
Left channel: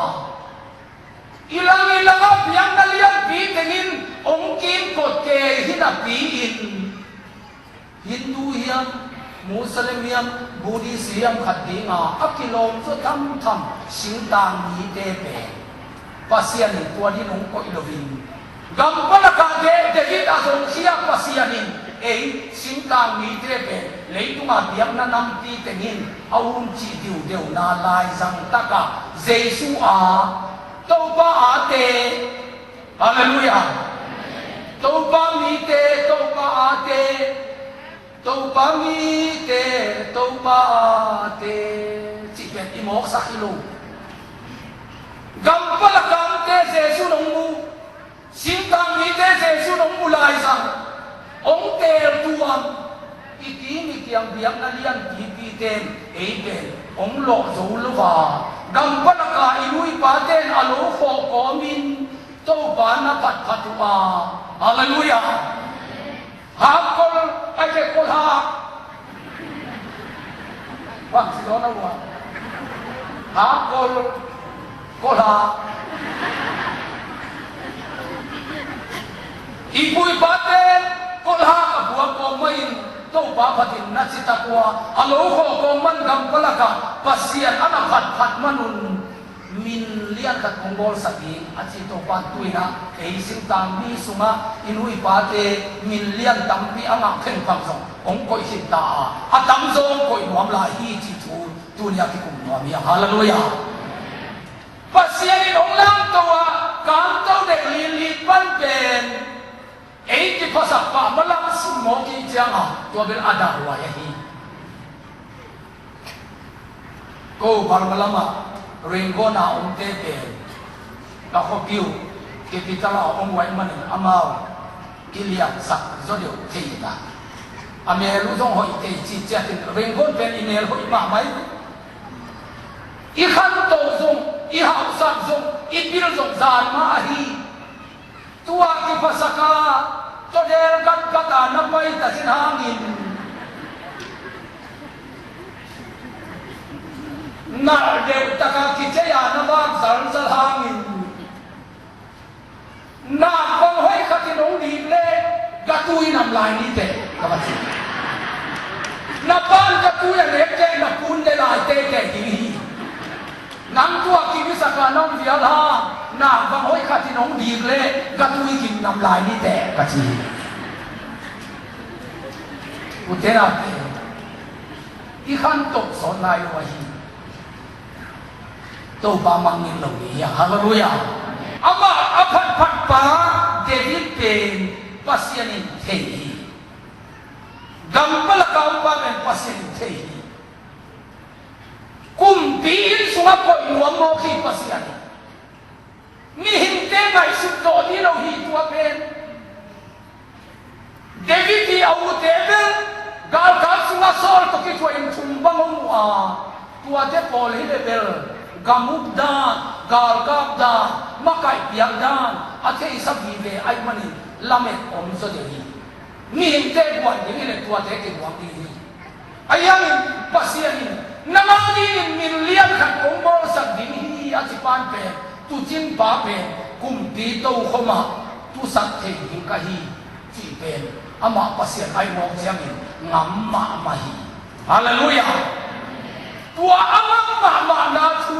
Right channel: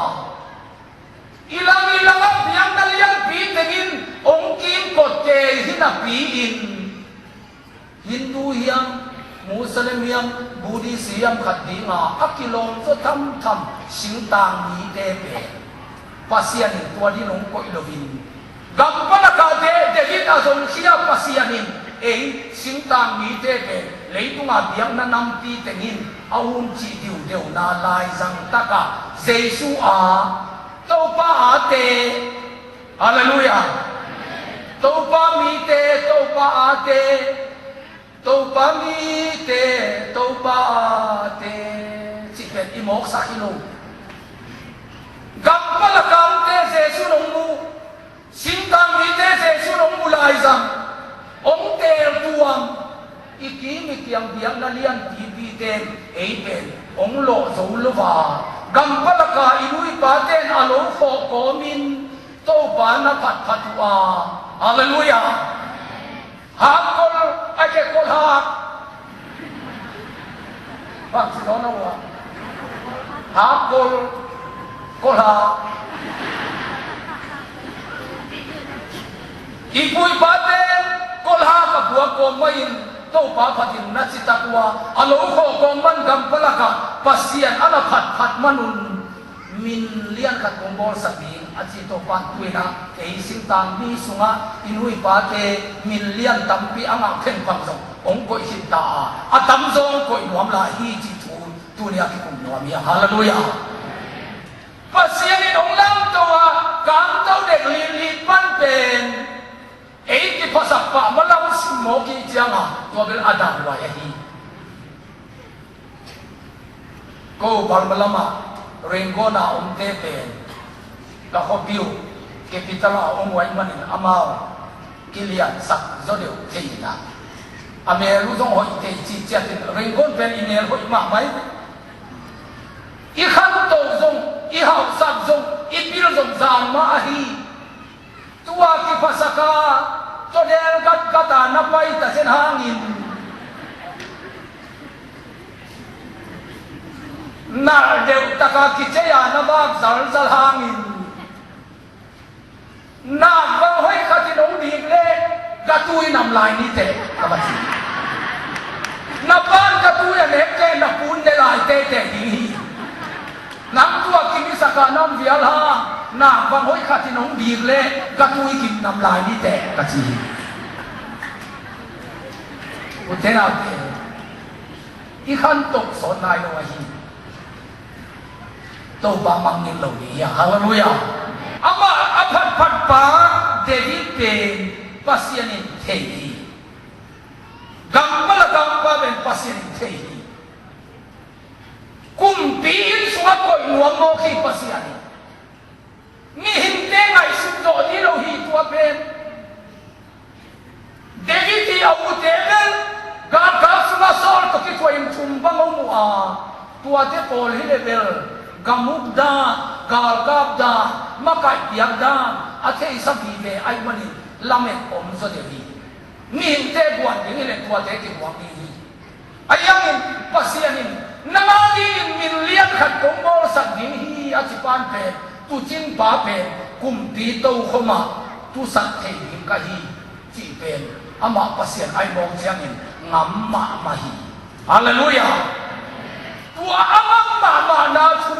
ilang yang nalian pi tengin ong kin kot ke hinapi in Hindu yang Muslim Buddhism khát đi ngà akilom cho thăm sinh tang mi đê bè pasian tua đi nông coi lovin gam bala ka de David azong siya pasianin sinh tang mi đê bè lấy tung à biang na nam ti tengin aun chi diu deu na lai zang taka Giêsu à tàu ba à te Hallelujah tàu ba mi te tàu ba à te tàu ba mi te tàu ba à te chỉ cần imok sakilo gam pala gam te Giêsu nong mu sinh tang mi te Giêsu nong mu lai zang ông te tuam iki mi kiang biang na lian ti pi ten ten ông lo zo lo wa gam pala ka inui pa ten alo fo ko min to ba na phat wa hallelujah ha kol ake kol ha bang si do na wa ha kol ha ipui pa ten kol ha ka buwa ko mai to pa phatin na si takwa alo ko ko man gam pala ka pasian ana phat manun min lian khat kongol sabi achi to pa tuina ei sim tan bi sunga inui pa te min lian tampi anga khen phang song ong koi hin ta atam zong koi nuam la hi chi tu nia ki kum nuam ya hallelujah pasian in ong lang to wa kam to de li pan pen ei ti pasak pa malam sumo ki janga to ben ada wa ya hi ko bal malama Rengona om tete la hobiu kapitala om wai man amao kilian sak zolio keita ame lu zong hoi te chi chatin rengon pen inel hoi ma mai I khan to zong I hau sat zong I bil zong zan ma hi tua ki pasaka to del gat kata na pai ta hen hangin na deu taka kitaya na bag zal hangin na bang hoi khatin ong dik le gatui nam lai ni te kabachi na ban gatui ane ke na pun de lai te hi nang tua ki saka nam vial ha na bang hoi khatin ong dik le gatui kin nam lai ni te kachi utena I khan tok son nai lo hi to ba mang in lo ya hallelujah ama aphat pa David pen pasian in thei gambala gamba ben pasian in thei kum pin sunga ko nuam mo ki pasian ni himte ngai su do ni lo hi tua pen David di au tebel ga sunga sol to ki tua in chum bang mo a tua te pol hi bel gamuk da galgap da makai piak da athe isabi ve ai mani lamet om so de hi ni te buat de ni tua te ke buat ni ayang pasian ni nangadi min lian khat kongol sak ding hi achipan pe tu chin pa pe kum pi to khoma tu sak the hi ka hi chi pe ama pasian ai mong siang in ngam ma hi hallelujah tua amang ma na thu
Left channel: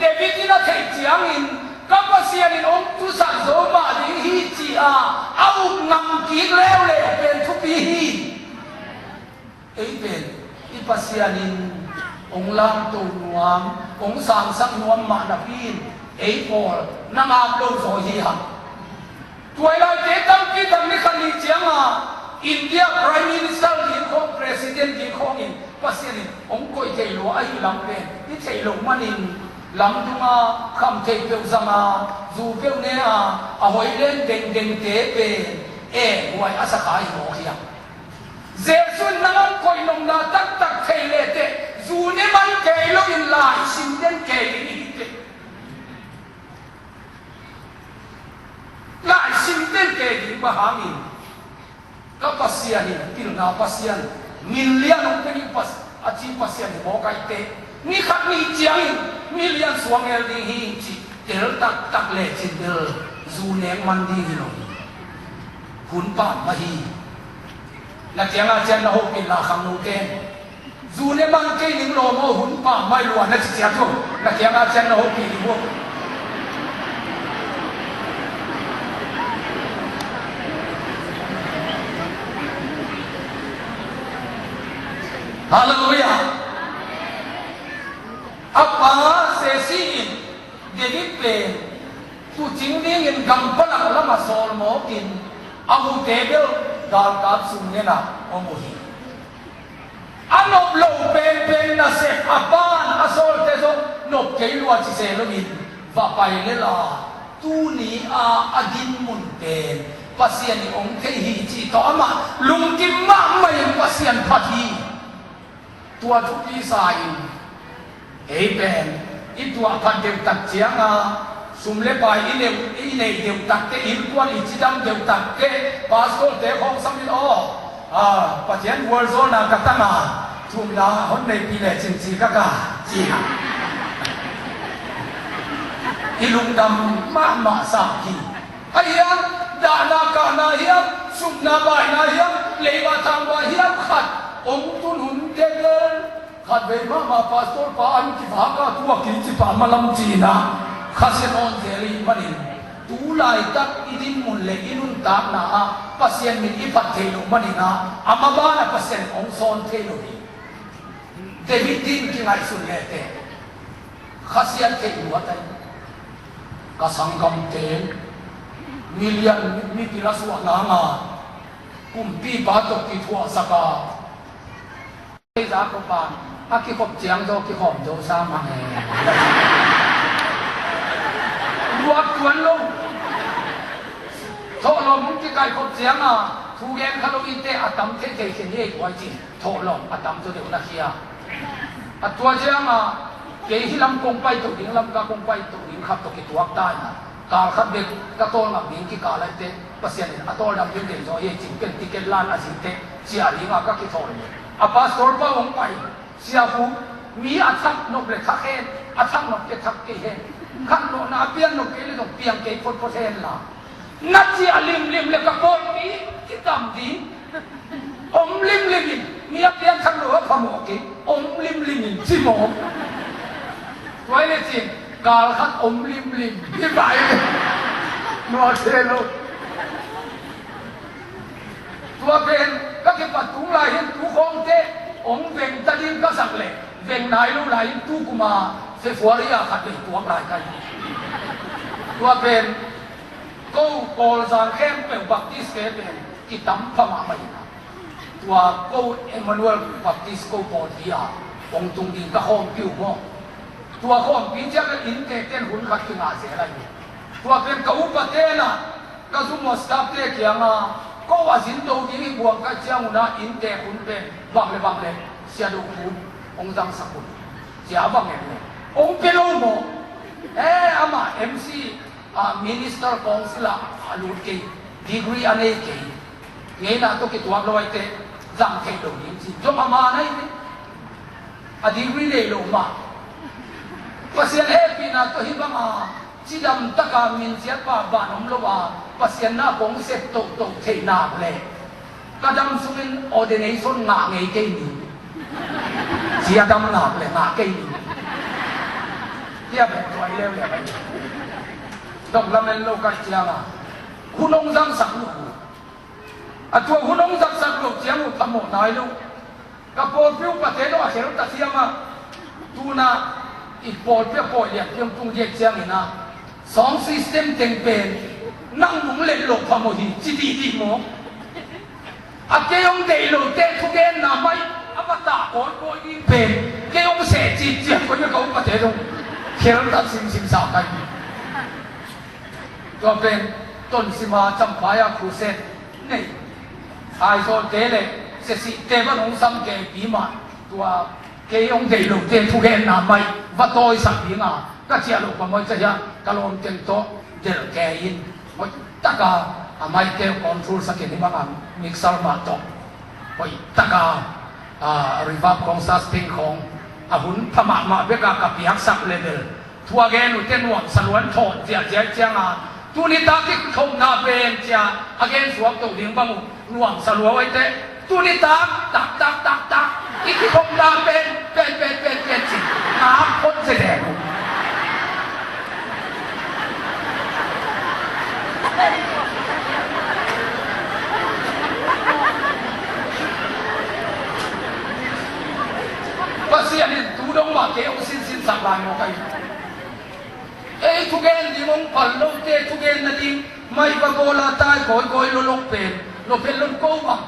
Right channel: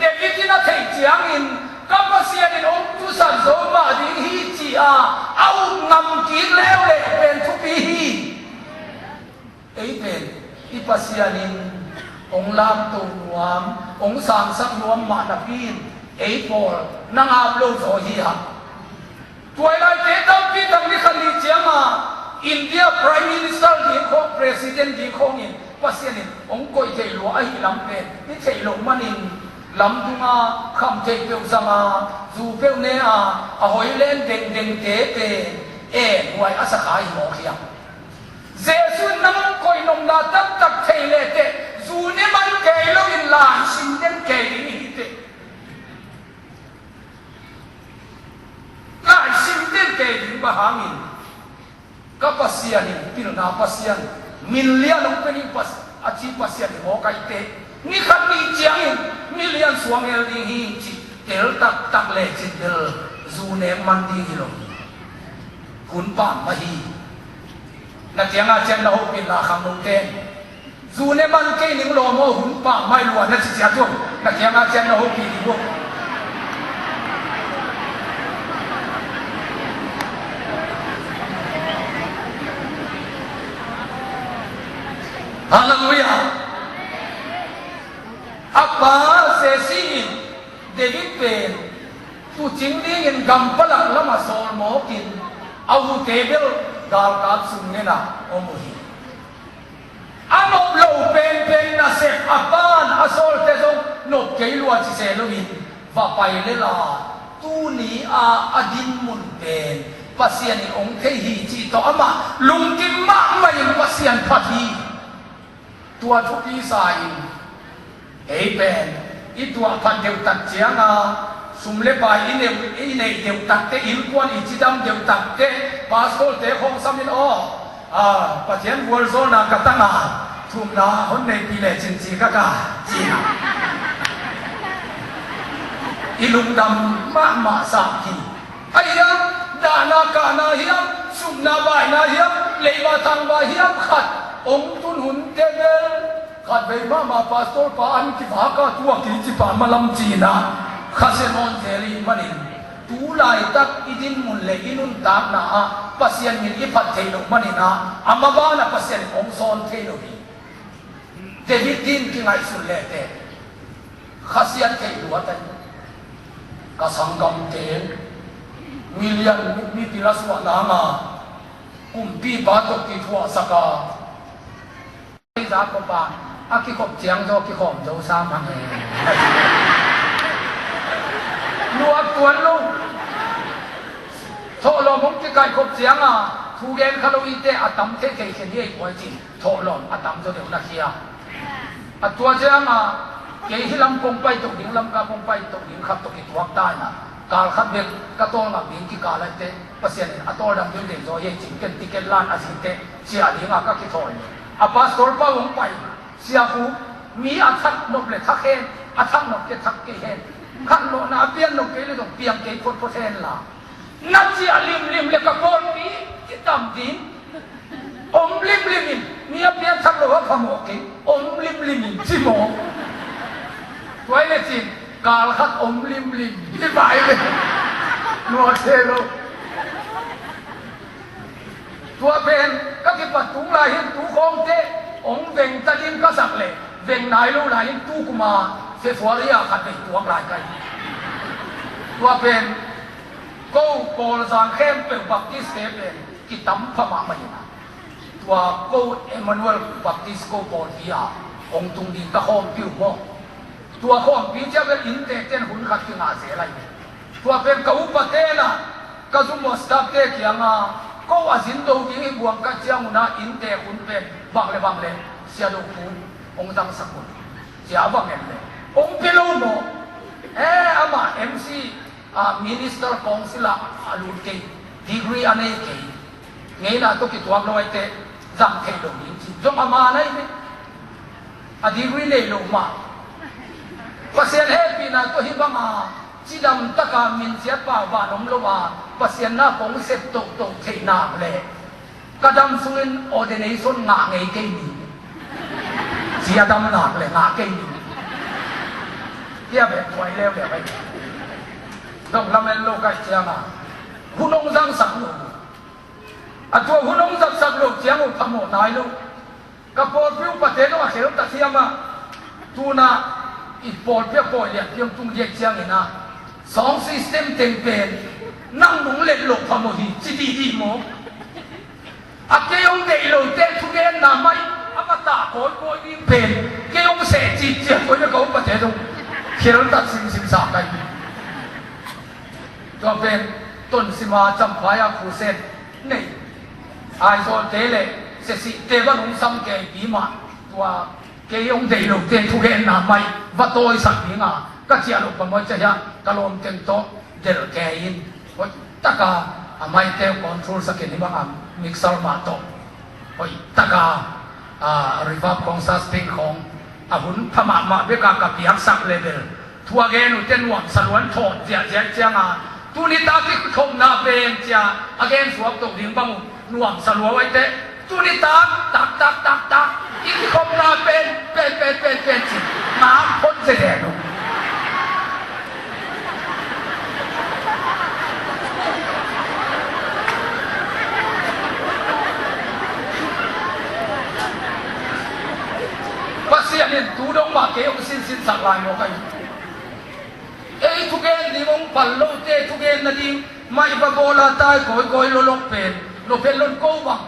David na thei chiang in kapasian in om tu san do ma ding hi chi a au ngam ki leo le pen thu pi hi ei pen I pasian in ong lam tu nuam ong sang sak nuam ma na pin ei por nang ap lo zo hi ha tuai lai te tam pi dam ni khali chiang a India Prime Minister di ko President di ko in pasian in ong koi thei lo ai lam pen ni thei lo manin lam thunga kham thei peu zanga zu peu ne a hoi len deng te pe wai asakai mo khia Jesun naman koi nom na tak thei le te zu ne man kai lo in la sin den kai ni te la sin den kai ni ba hamin kapasian ni pil na pasian milian ong pe ni pas achi pasian mo kai te ni khat ni chiang milian suang el ding hi chi tel tak le chin del zu ne man di lo kun pa ma hi na chiang a chen la ho pin la kham no te dù nên bằng cây những lò mô hùn bà mai lùa nó chỉ chém chung là chém ngã chém nó hốt kỳ đi vô Hallelujah Apa sesi David pen tu chính đi in gam pala lama sol mo kin au tebel dal kap sung ne na omuhi anop lo pen na se apan asol te jong nop kei lua chi se lo min va pai le la tu ni a adin mun pen pasian ni ong te hi chi to ama lung kim ma mai pasian phathi tua thu pi sai ei pen i tua phan deu tak chianga sumle bai ine deu tak te il kwan i chidam deu tak te pastor te khom samin o pasian wol zo na katanga thum na hon nei pi le chin chi ka ka chi ha ilung dam ma sa ki aya da na ka na hiam sum na bai na hiam le ba tang ba hiam khat ong tun hun te khát về mà pastor pa anh ki phá ka tua ki chi pa malam chi na khase non theri manin tu lai tak idin mun le inun tak na pasian min i phat thei lo manina amaba na pasian ong son thei lo ni David din ki ngai sun le te khasian thei lu atai ka sangam te million mi pilaswa na nga kumpi ba to ki thua saka ai za ko pa aki khop chiang do ki khom do sa ma nge luak tuan lo tho lo mong ki kai khop chiang thu gen khalo ite atam te ke ken ye kwai chi tho lo atam do de na kia atua chiang ke hilam kong pai to ding lam ka kong pai to ding khap to ki tuak tai na kal khat de ka to na bin ki ka la te pasian atol dam yin de zo ye ching ken ti ken lan asin te sia ding ka ki thoi pastor pa mong pai siapu mi athak nok le thakhen athak nok ke thak ke hen khan no na pian nok ke le dong piang ke phot phot hen la na chi alim lim le ka pol mi ki tam din om lim lim mi a pian thak lo ka mo ke om lim lim chi mo toy le chin kal khat om lim lim ki bai le no se lo tua ben các cái vật tú lại hiện tú không thế ông veng ta điên các sạc lệ veng nai lâu lại tu kuma sẽ phá đi à khát bị tuang lại cái tua ben câu cổ giang khem bèo baptist khem ben cái tấm phàm mày tua câu Emmanuel baptist câu bò đi à ông tung đi các hôm kêu mo tua hôm bí chấp là in tệ tên hun khát cái ngã sẽ lại tua ben câu bát tên à các chúng mo stop thế kia mà cóว่าสินโตยิ่งบวกกับเจ้าหน้าอินเตอร์คุณเป็นบังเลยเสียดูคุณองค์จังสกุลเสียบังเลยองค์เป็นโลโมอามา MC Minister Council อาลูกเกย์ดีกรีอันนี้เกย์ไงน่ะตัวกิตัวเราไว้เตะจังเกย์โดนยิงจงมาไหนเนี่ยดีกรีเลยลงมาภาษาปีน่ะตัวหิบมาจีดำตะการมินเสียป่าวบ้านองค์ละว่าภาษาหน้าของเสพตกเทน้ำเลยกระดำสุรินออเดเนชั่นงาไงเกย์นี่เสียดำหนักเลยงาเกย์นี่เที่ยแบบสวยเร็วอย่างไรดอกลำเมลโลกัสเชียงหุ่นองจังสักลูกตัวหุ่นองสักลูกเชียงทำหมดนายลูกกระโปรงผิวปะเทโนอาเขลตัดเชียงตูน่าอีปอดเปียปอดเนี่ยเพียงตุงเย็ดเชียงนี่นะสองซิสเต็มเต็งเป็นนั่งหนุนเล็ดหลบพามดีจีดีโมอาเกยองเดย์โลเตทุเกนนาไม่อามาตาโอยยิงเป็นเกยองเสจีเจ็บคนจะเขาปะเทโนเขลตัดสิงสากันตัวเป็นต้นสิมาจำพายาคูเซนนี่ไอโซเตเลเสสิเตวนุงซัมเกปีมาตัวเกยองเดย์โลเตทุเกนนาไม่วัดโตยสักพิงาก็เจียลูกปมอยจะยังกะลมเต็มโตเดลแกยินว่าตะกาไม่เตวคอนโทรลสักนิดบ้างมิกซ์มาโตว่าตะการีฟับของซาสติงของหุ่นธรรมะมาเพื่อกับพิฮักสักเลเวลทัวเกนุเตนวันสลวนโทษเจียงตัวนี้ตาที่ทมนาเป็นเจียอเกนสวมตกดิ่งบ้างรวมสลวนไว้เตะ ตุนิตักอีกคมนาเป็นสิน้ำพ้นเสด็จว่าเสียนี่ดูดงมาเกี่ยวสิ้นสักลายโมกัยทุกเอ็นดีมงปั่นโลเตทุกเอ็นนั่นดีไม่ปะโกลาตายคอยโลกเป็นลนโกวัง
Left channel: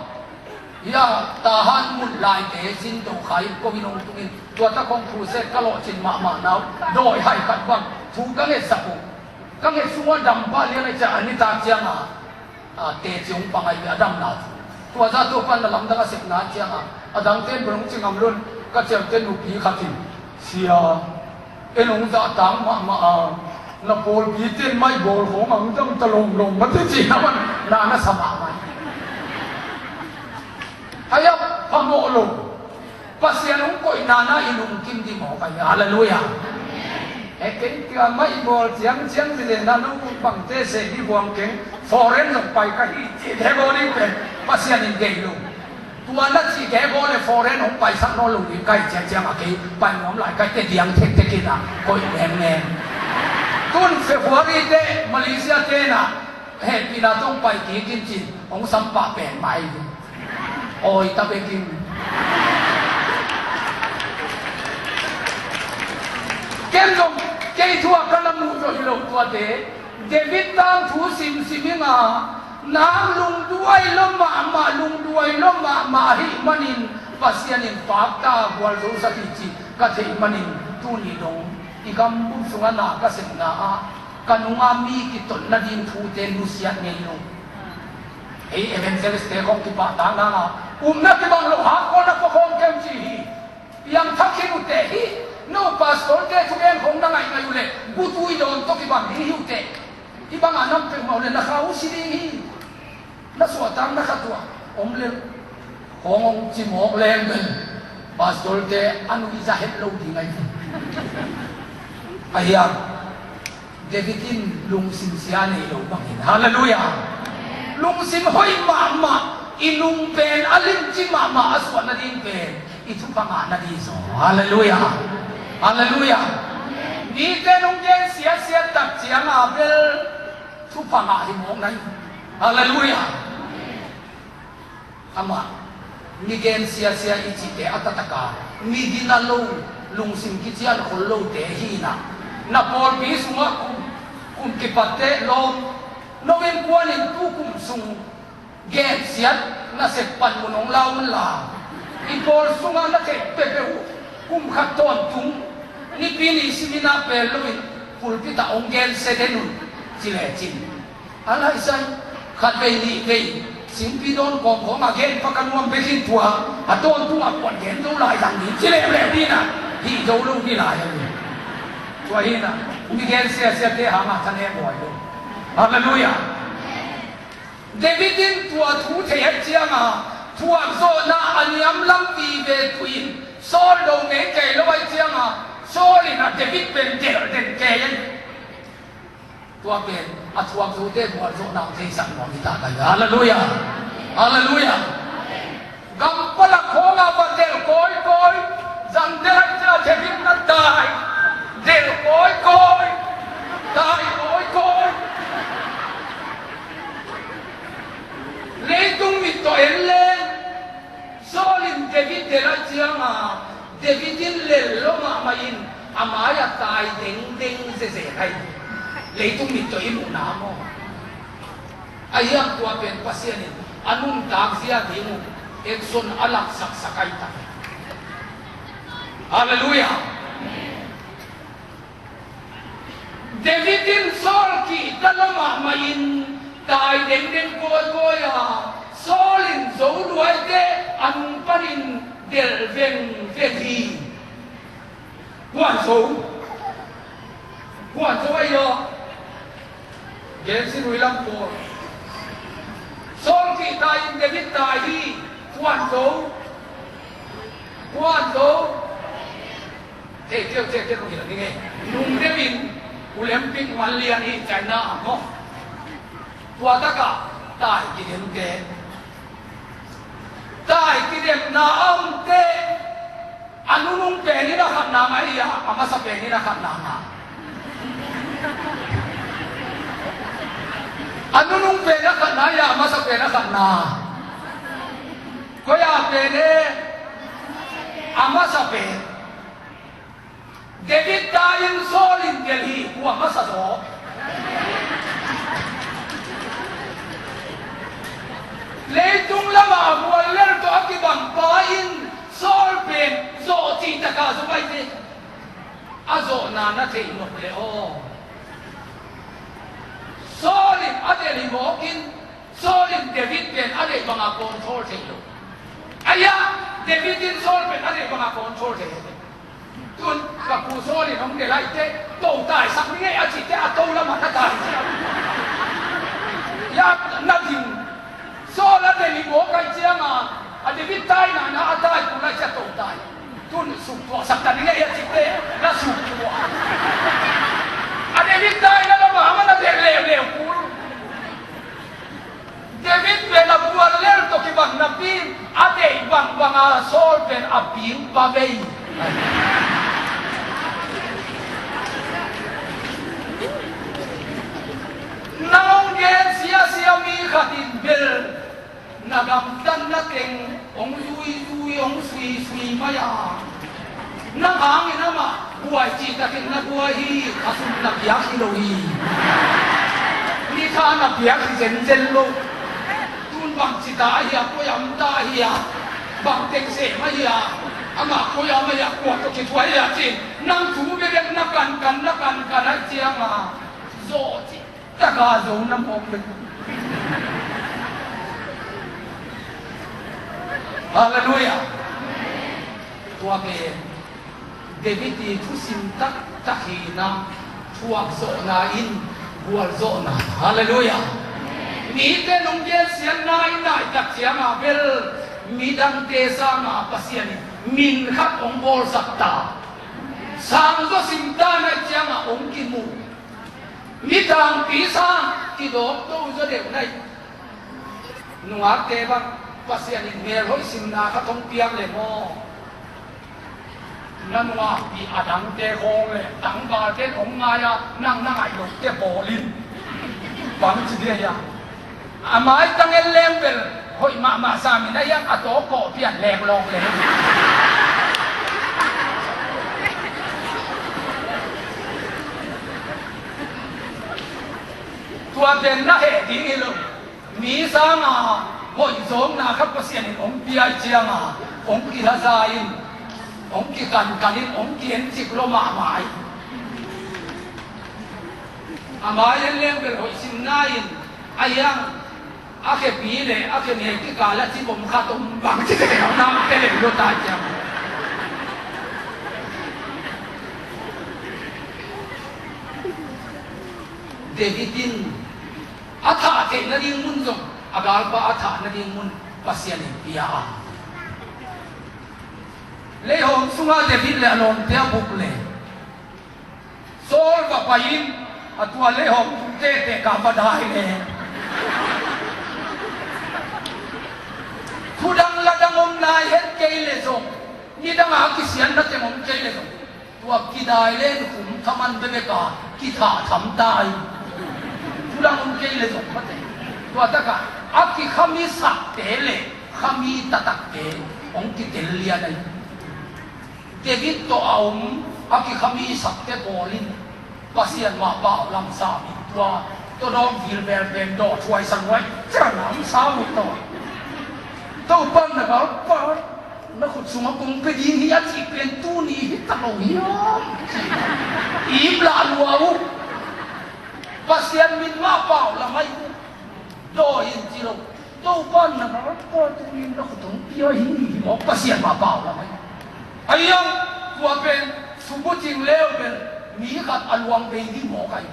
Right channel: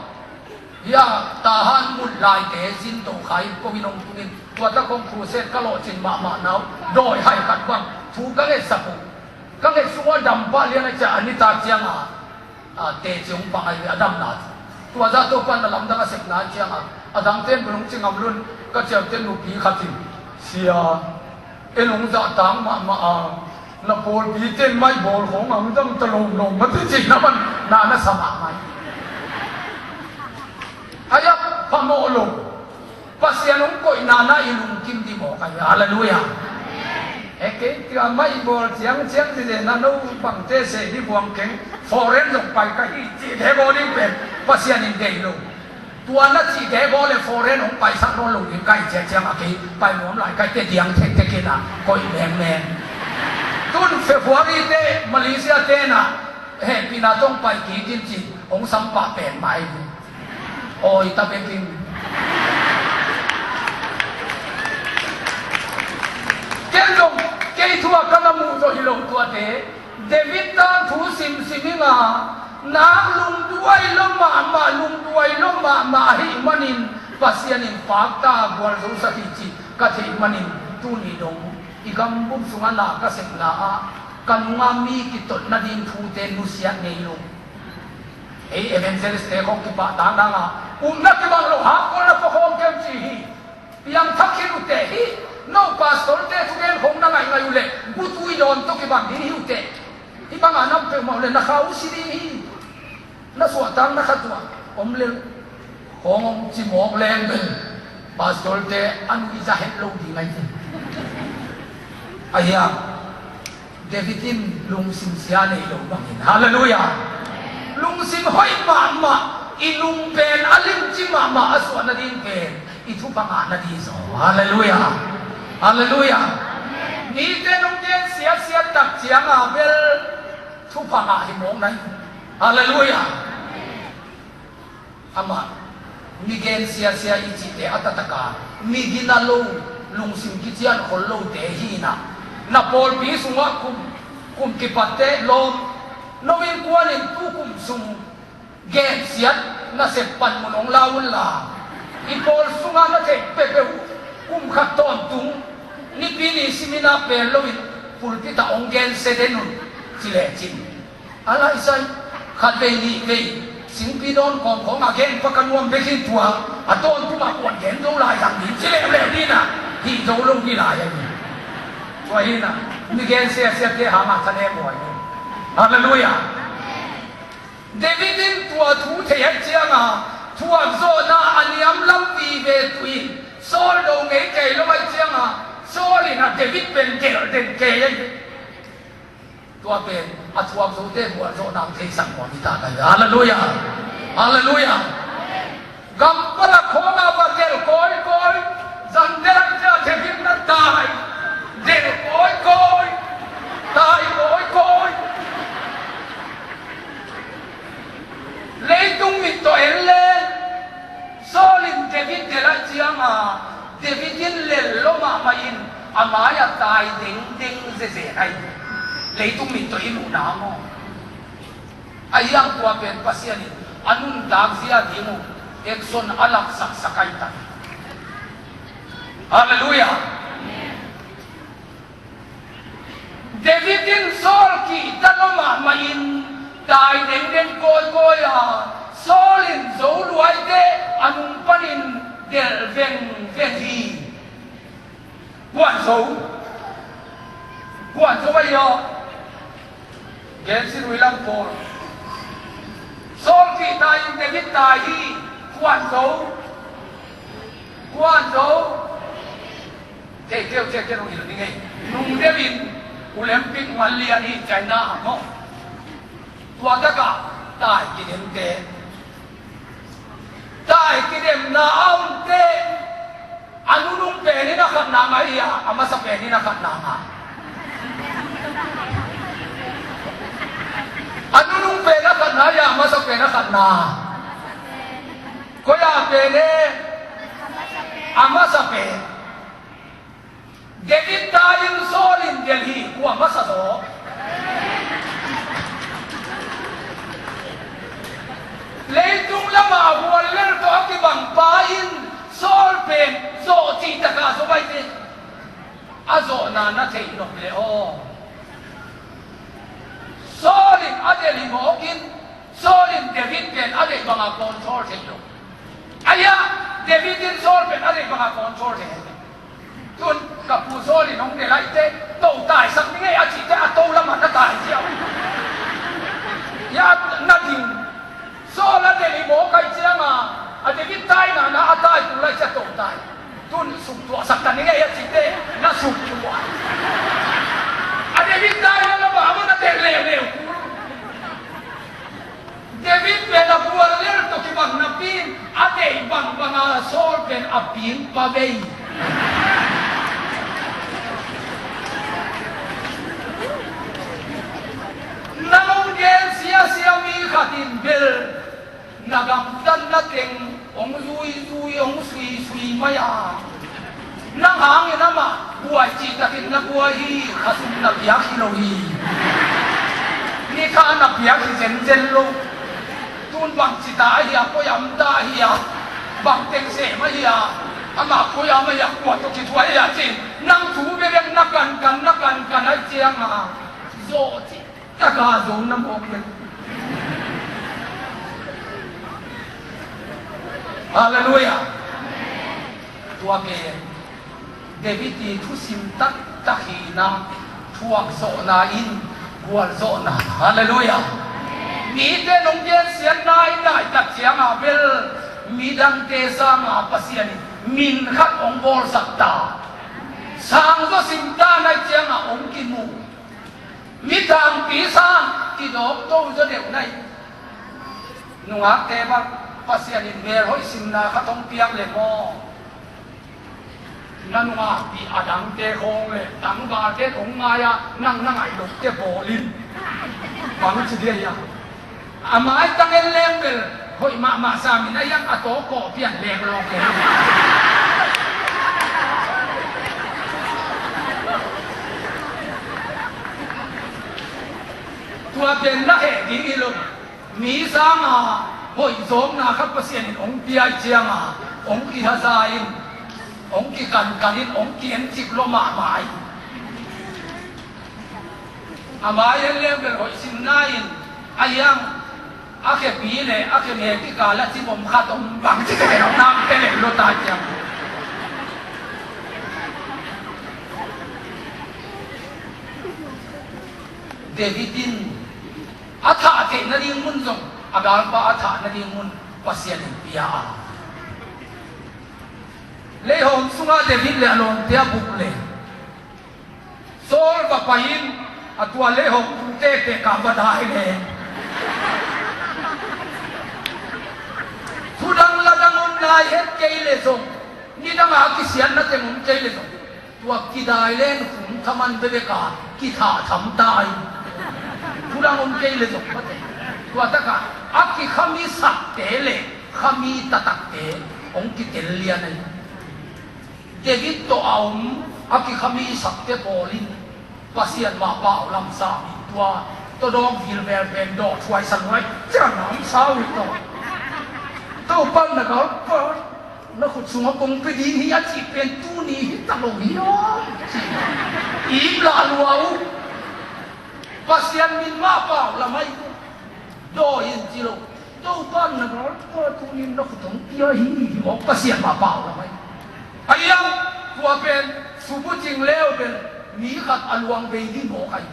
ยาตาหันมุดลายเตสินตกไข่ก็มีนงทุกเอ็นตัวตะคงผู้เสกกะโลจินมาหนาวโดยให้กัดวังถูกกังเอสักกุกังเอสัวดำบ้าเลี้ยงไอ้จ่านิตาเจียงเตจงปังไอ้อดัมนาตัวจ่าตัวปันลำดังเสกนาเจียงอดังเป็นปรุงจิงอำลุนก็เจ้าเต้นลูกผีขัดทิเสียเอ็นองจ่าตังมานับโบลผีเต้นไม่โบลของมันต้องตะลงมันที่จริงนะมันนานาสมาไหมอายับพโมลงปัสยานุก็อินานาอิลุงกิมดิโมกันฮาเลลูยาเก่งที่ไม่โบลเสียงที่เดนันุบังเตเสที่บวงเก่งฟอเรนลงไปกันอีจีเทโบนี่เป็นปัสยานิเกลงตัวนั้นจีเทโบเลยฟอเรนลงไปสักน้อยลงใกล้เจียงอากีไปหมอมหลายใกล้เตียงเทกินะก็แรงตุนเฟบรุรีเดมาเลเซียเตนะเฮ้ปีนาต้องไปกี่จริงองสัมปะเป็นไหมโอ้ยตาเป็นจริงเก่งจงเก่งทั่วกันละมูโดยลงตัวเดวิดตันทูสิมิงานางลุงด้วยลมมาลุงด้วยลมมาหิมันินปัสยานินปากตาบวลสุสติจิกัจหิมันินตุนิดงอีกคำบุญสุงานาก็เสกนากันงามีกิตนดินทูเตลุเซียเนยงเอเวนเซลสเตของกิบาตางนานักบังโลหะคนนับพงเกมจียังทักขิรุเตฮีโนปัสโตเตทุเรนคงนั่งไงมาอยู่เลยบุตุยโดนตุกิบังฮิวเตที่บางอันนั้นเป็นมาเลยนักข่าวสิดีนักสวดตังนักขัดตัวเลงของจิมอกแรงเป็นปัสโตเตอันวิจาเฮตโลดีไงอายาเดวิดินลุงสิมเสียในโลกบังฮาเลลูยาลุงสิมห้อยมาอินุงเป็นอลิมจิมาอสวนาดินเป็นอิทุปังอานาดีโซฮาเลลูยานี่เตนงเจนเสียตักเจียงเบลทุปังอาหิมงนั้นฮาเลลูยาอามามีเกนเสียอิจิเตอัตตะกามีดินาลูลุงสิมกิจยันคนโลเตฮีนาปอลปีสุงะคุมกิปัตเตโลโนเวนกวานินตุคุมสุงเกนเสียน่าเสพปันมุนองลามันลาอีบอลสุงาน่าเก็บเปเปหูกุมขัดต้นตุงนี่ปีนี้สิมินาเปลโลวินพูดที่ตาองเกนเสด็นุจิเลจินอะไรสันขัดเวนีเวสิงปีโดนของอาเกนประกันวังไปสิ้นตัวอาต้นตัวปวดเกนโดนลายดังนี้จิเลเล่นี่นะที่โดนลงที่ลายอย่างนี้ตัวนี้นะมีเกนเสียเทหามาทะเลหมดเลยฮาเลลูยาเดวิดินตัวทูเทียเจียงทัวโซนาอันยามลำปีเวทุยโซลงเอเกลไว้เจียงโซลินะเดวิดเป็นเกลเด่นเกยตัวเป็นอัตวโซเดบัวโซนาเทสังวามิตาได้ฮาเลลูยากัมปละโคงาบเดลโกยจันเดลจะเทวิดนัดตายเดลโกยตายโกยเลตุงมิตโตเอลเลโซลินเดวิดเดลเจียงเดวิดินเลลโลมาอินอามายาตายดิงเซไอเลตุงมิตโตอินุนามไอยังตัวเป็นปัสยานิอันุนตากเสียดิมุเอกซอนอลักสักไกตันฮาเลลูยาเดวิดินโซลกีตโลมาอินตายเด่นโกยโซลินโซลวยเดอันปันินเดลเวทีกวนโซไว้ยอเกสิรุยลัมโพโซลกีตายเดวิดตายที่กวนโซเที่ยวตรงนี้นี่ไงลุงเดวิดอุเลมปิกวันเลียนี่ใจน่าเนาะตัวตะกะตายกินเกตา dem na aunte anunung pe ni na khat na mai ya ama sa pe ni na khat na nga anunung pe na khat na ya ama sa pe na khat na ko ya pe ne ama sa pe David tayin solin delhi ku ama sa do leitung lama bual ler to akibang pain sol pen zo ti ta ka zo bai ti azo na na thei no le o solin adeli mokin solin David pen ade banga control thei lo aya David in sol pen ade banga control thei tun ka pu solin hong de lai te to tai sak ni ngai a chi te a to lama na tai chi ya na ding so la de ni bo kai chiang a de vi tai na a tai ku lai cha to tai tun su to sak ta ni ngai chi te na su tu a de vi tai na ma ma na de le ku David pen a bual ler to ki bang na pin a de bang banga sol pen a pin pa vei Naung gen sia mi khatin bel nagam dan nating ong zui ong sui maya nang hangin nama buai chi takin na buai hi khasum na biak hi lo hi ni kha na biak hi zen lo tun bang chi ta hi ko yam da hi bang teng se ma hi ama ko ya ma ya ko to ki tuai ya chin nang thu be bek na kan ai chiang ma zo chi ta ka zo na mo ke Hallelujah. Tua ke David ti thu sim tak tahina thuak zo na in bual zo na. Hallelujah. Mi te nong gen sian nai tak chiang a bel mi dang te sa ma pasian min khat ong bol sakta. Sang zo sim ta na chiang a ong ki mu. Mi tang pi sang ki dok to zo deu nai. Nuak te ba pasian in mer hoi sim na khatong piang le mo nan ma ti adang te khong le tang ba te ong ma ya nang ai lo te bolin bang chi de ya amai tang el lem bel hoi ma sa mi na yang ato ko pian lek long le tua ben na he ding ilo mi sa ma hoi zom na khat pasian in ong pi ai chiang ong ki ha sa in ong ki kan in ong ki en chik lo ma mai amai en lem bel hoi sim na in ayang a ke pi le a ke ne ki ka la chi bom kha tom bang chi ke no na ke le lo ta chiang Davidin atha te na ding mun zong agal pa atha na ding mun pasian pia le hom sunga David le anon te buk le sol ba pain atwa le hom te ka badai le khudang ladang om lai het ke le zong ni dang a ki sian na te om ke le zong tua ki dai len khum thaman be ka ki tha tham tai khudang om ke le zong mate tua ta ka aki khami sak te le khami tatak te ong ki tel lia nai David to aum aki khami sak te polin pasian ma pa lam sa mi tua to dom vil vel ben do thwai sang wai chang nam sao ni to pan na ka pa na khut suma kong pe di hi ati pen tu ni ta lo hi yo i bla luau pasian min ma pa la mai do in jilo do pan na ko tu ni no khutong pia hi mo pasian ma pa la mai ayang tua pen subu jing leo ben mi khat alwang be ni mo kai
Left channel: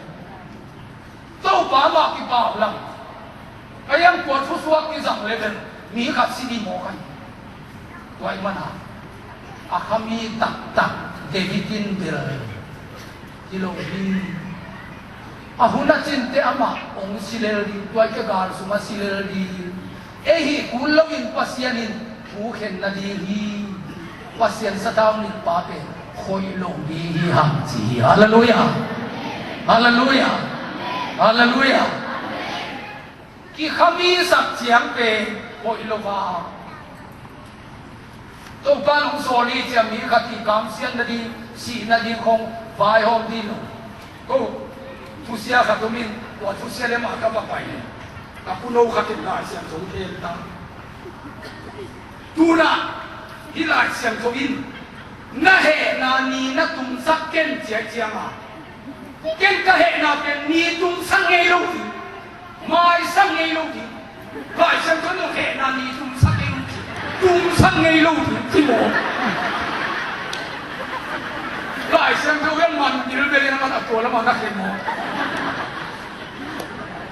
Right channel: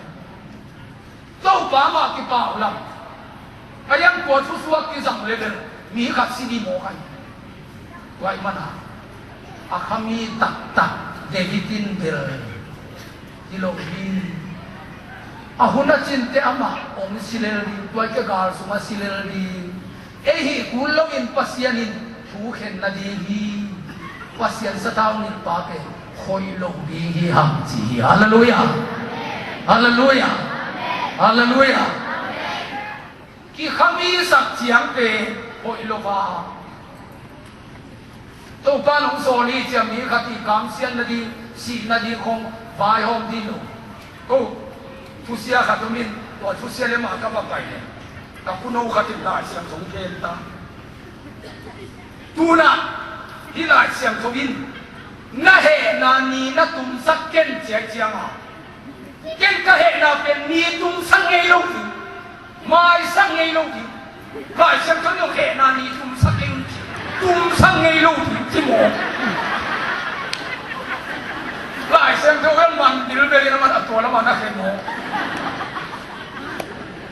do pa ma ki pa la ayang ko thu suak ki sang le ben mi khat si di mo kai wai mana akhami tak Davidin bel jilo ni ahuna cinte ama ong sileri tuai ka gar suma sileri ehi kulongin pasianin ผู้เห็นนาดีฮีว่าเสียนสะดาวนิดปาเป็นคอยลงดีฮีหังจีฮาเลลูยาฮาเลลูยาฮาเลลูยากี่คำมีสักเสียงเป็นคอยลงว่าตัวปาลุงโซนีจะมีคติกรรมเสียนนาดีสีนาดีคงฝ่ายห้องดีลงตัวทุเสียขัดตัวมินตัวทุเสียเลยมากับไปเนี่ยแต่คุณโอขัดติดได้เสียงสงเกตตั้งตัวน่ะที่หลายเสียงสงอินน่าเหนานีน่าตุ้มสักเก่งเจียเจียงอ่ะเก่งก็เหนาเป็นนีตุ้มสังเงยลงทีไม่สังเงยลงทีหลายเสียงเขาเหนานีตุ้มสังเงยลงทีตุ้มสังเงยลงทีที่หมอหลายเสียงเขาเว้นมันดิลเบลมันอัดตัวแล้วมันนักเรียนหมอ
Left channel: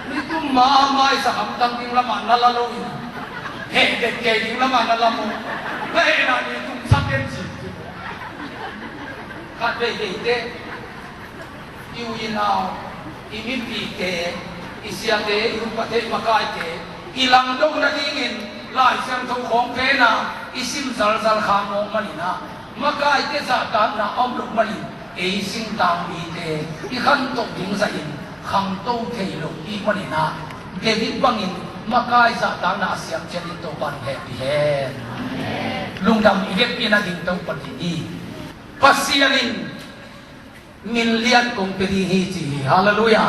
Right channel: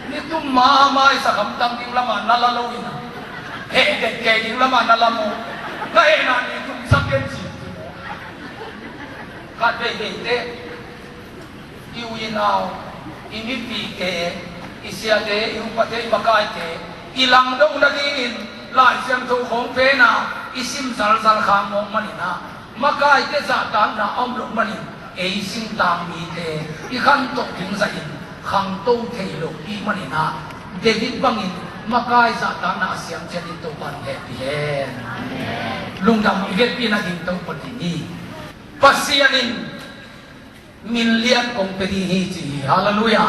นี่ตุ้มมาไม่สักคำตั้งดิ้งละมันละละลอยเฮ้เด็กเก่งดิ้งละมันละละโมก็เห็นนานีตุ้มสักเก่งจีกัดไปเด็กเด็กอิวยินเอาอิมิปีเกอิเสียเตอิอุปเทอิมากายเตอิลังดงนาดีงินลายเสียงทงของเพนะอิซิมสัลสัลขามองมันนะมากายเตจะตามนะอมลงมันเอซิมตามมีเตอิขันตกถึงสัยขังโตเทลงอีมันนะเดวิดบังอินมากายจะตามนะเสียงเจดิโตบันแฮปปี้เฮนลุงดำอีเวทปีนัดินโตปฏินีPasianin milian kong pedihi haleluya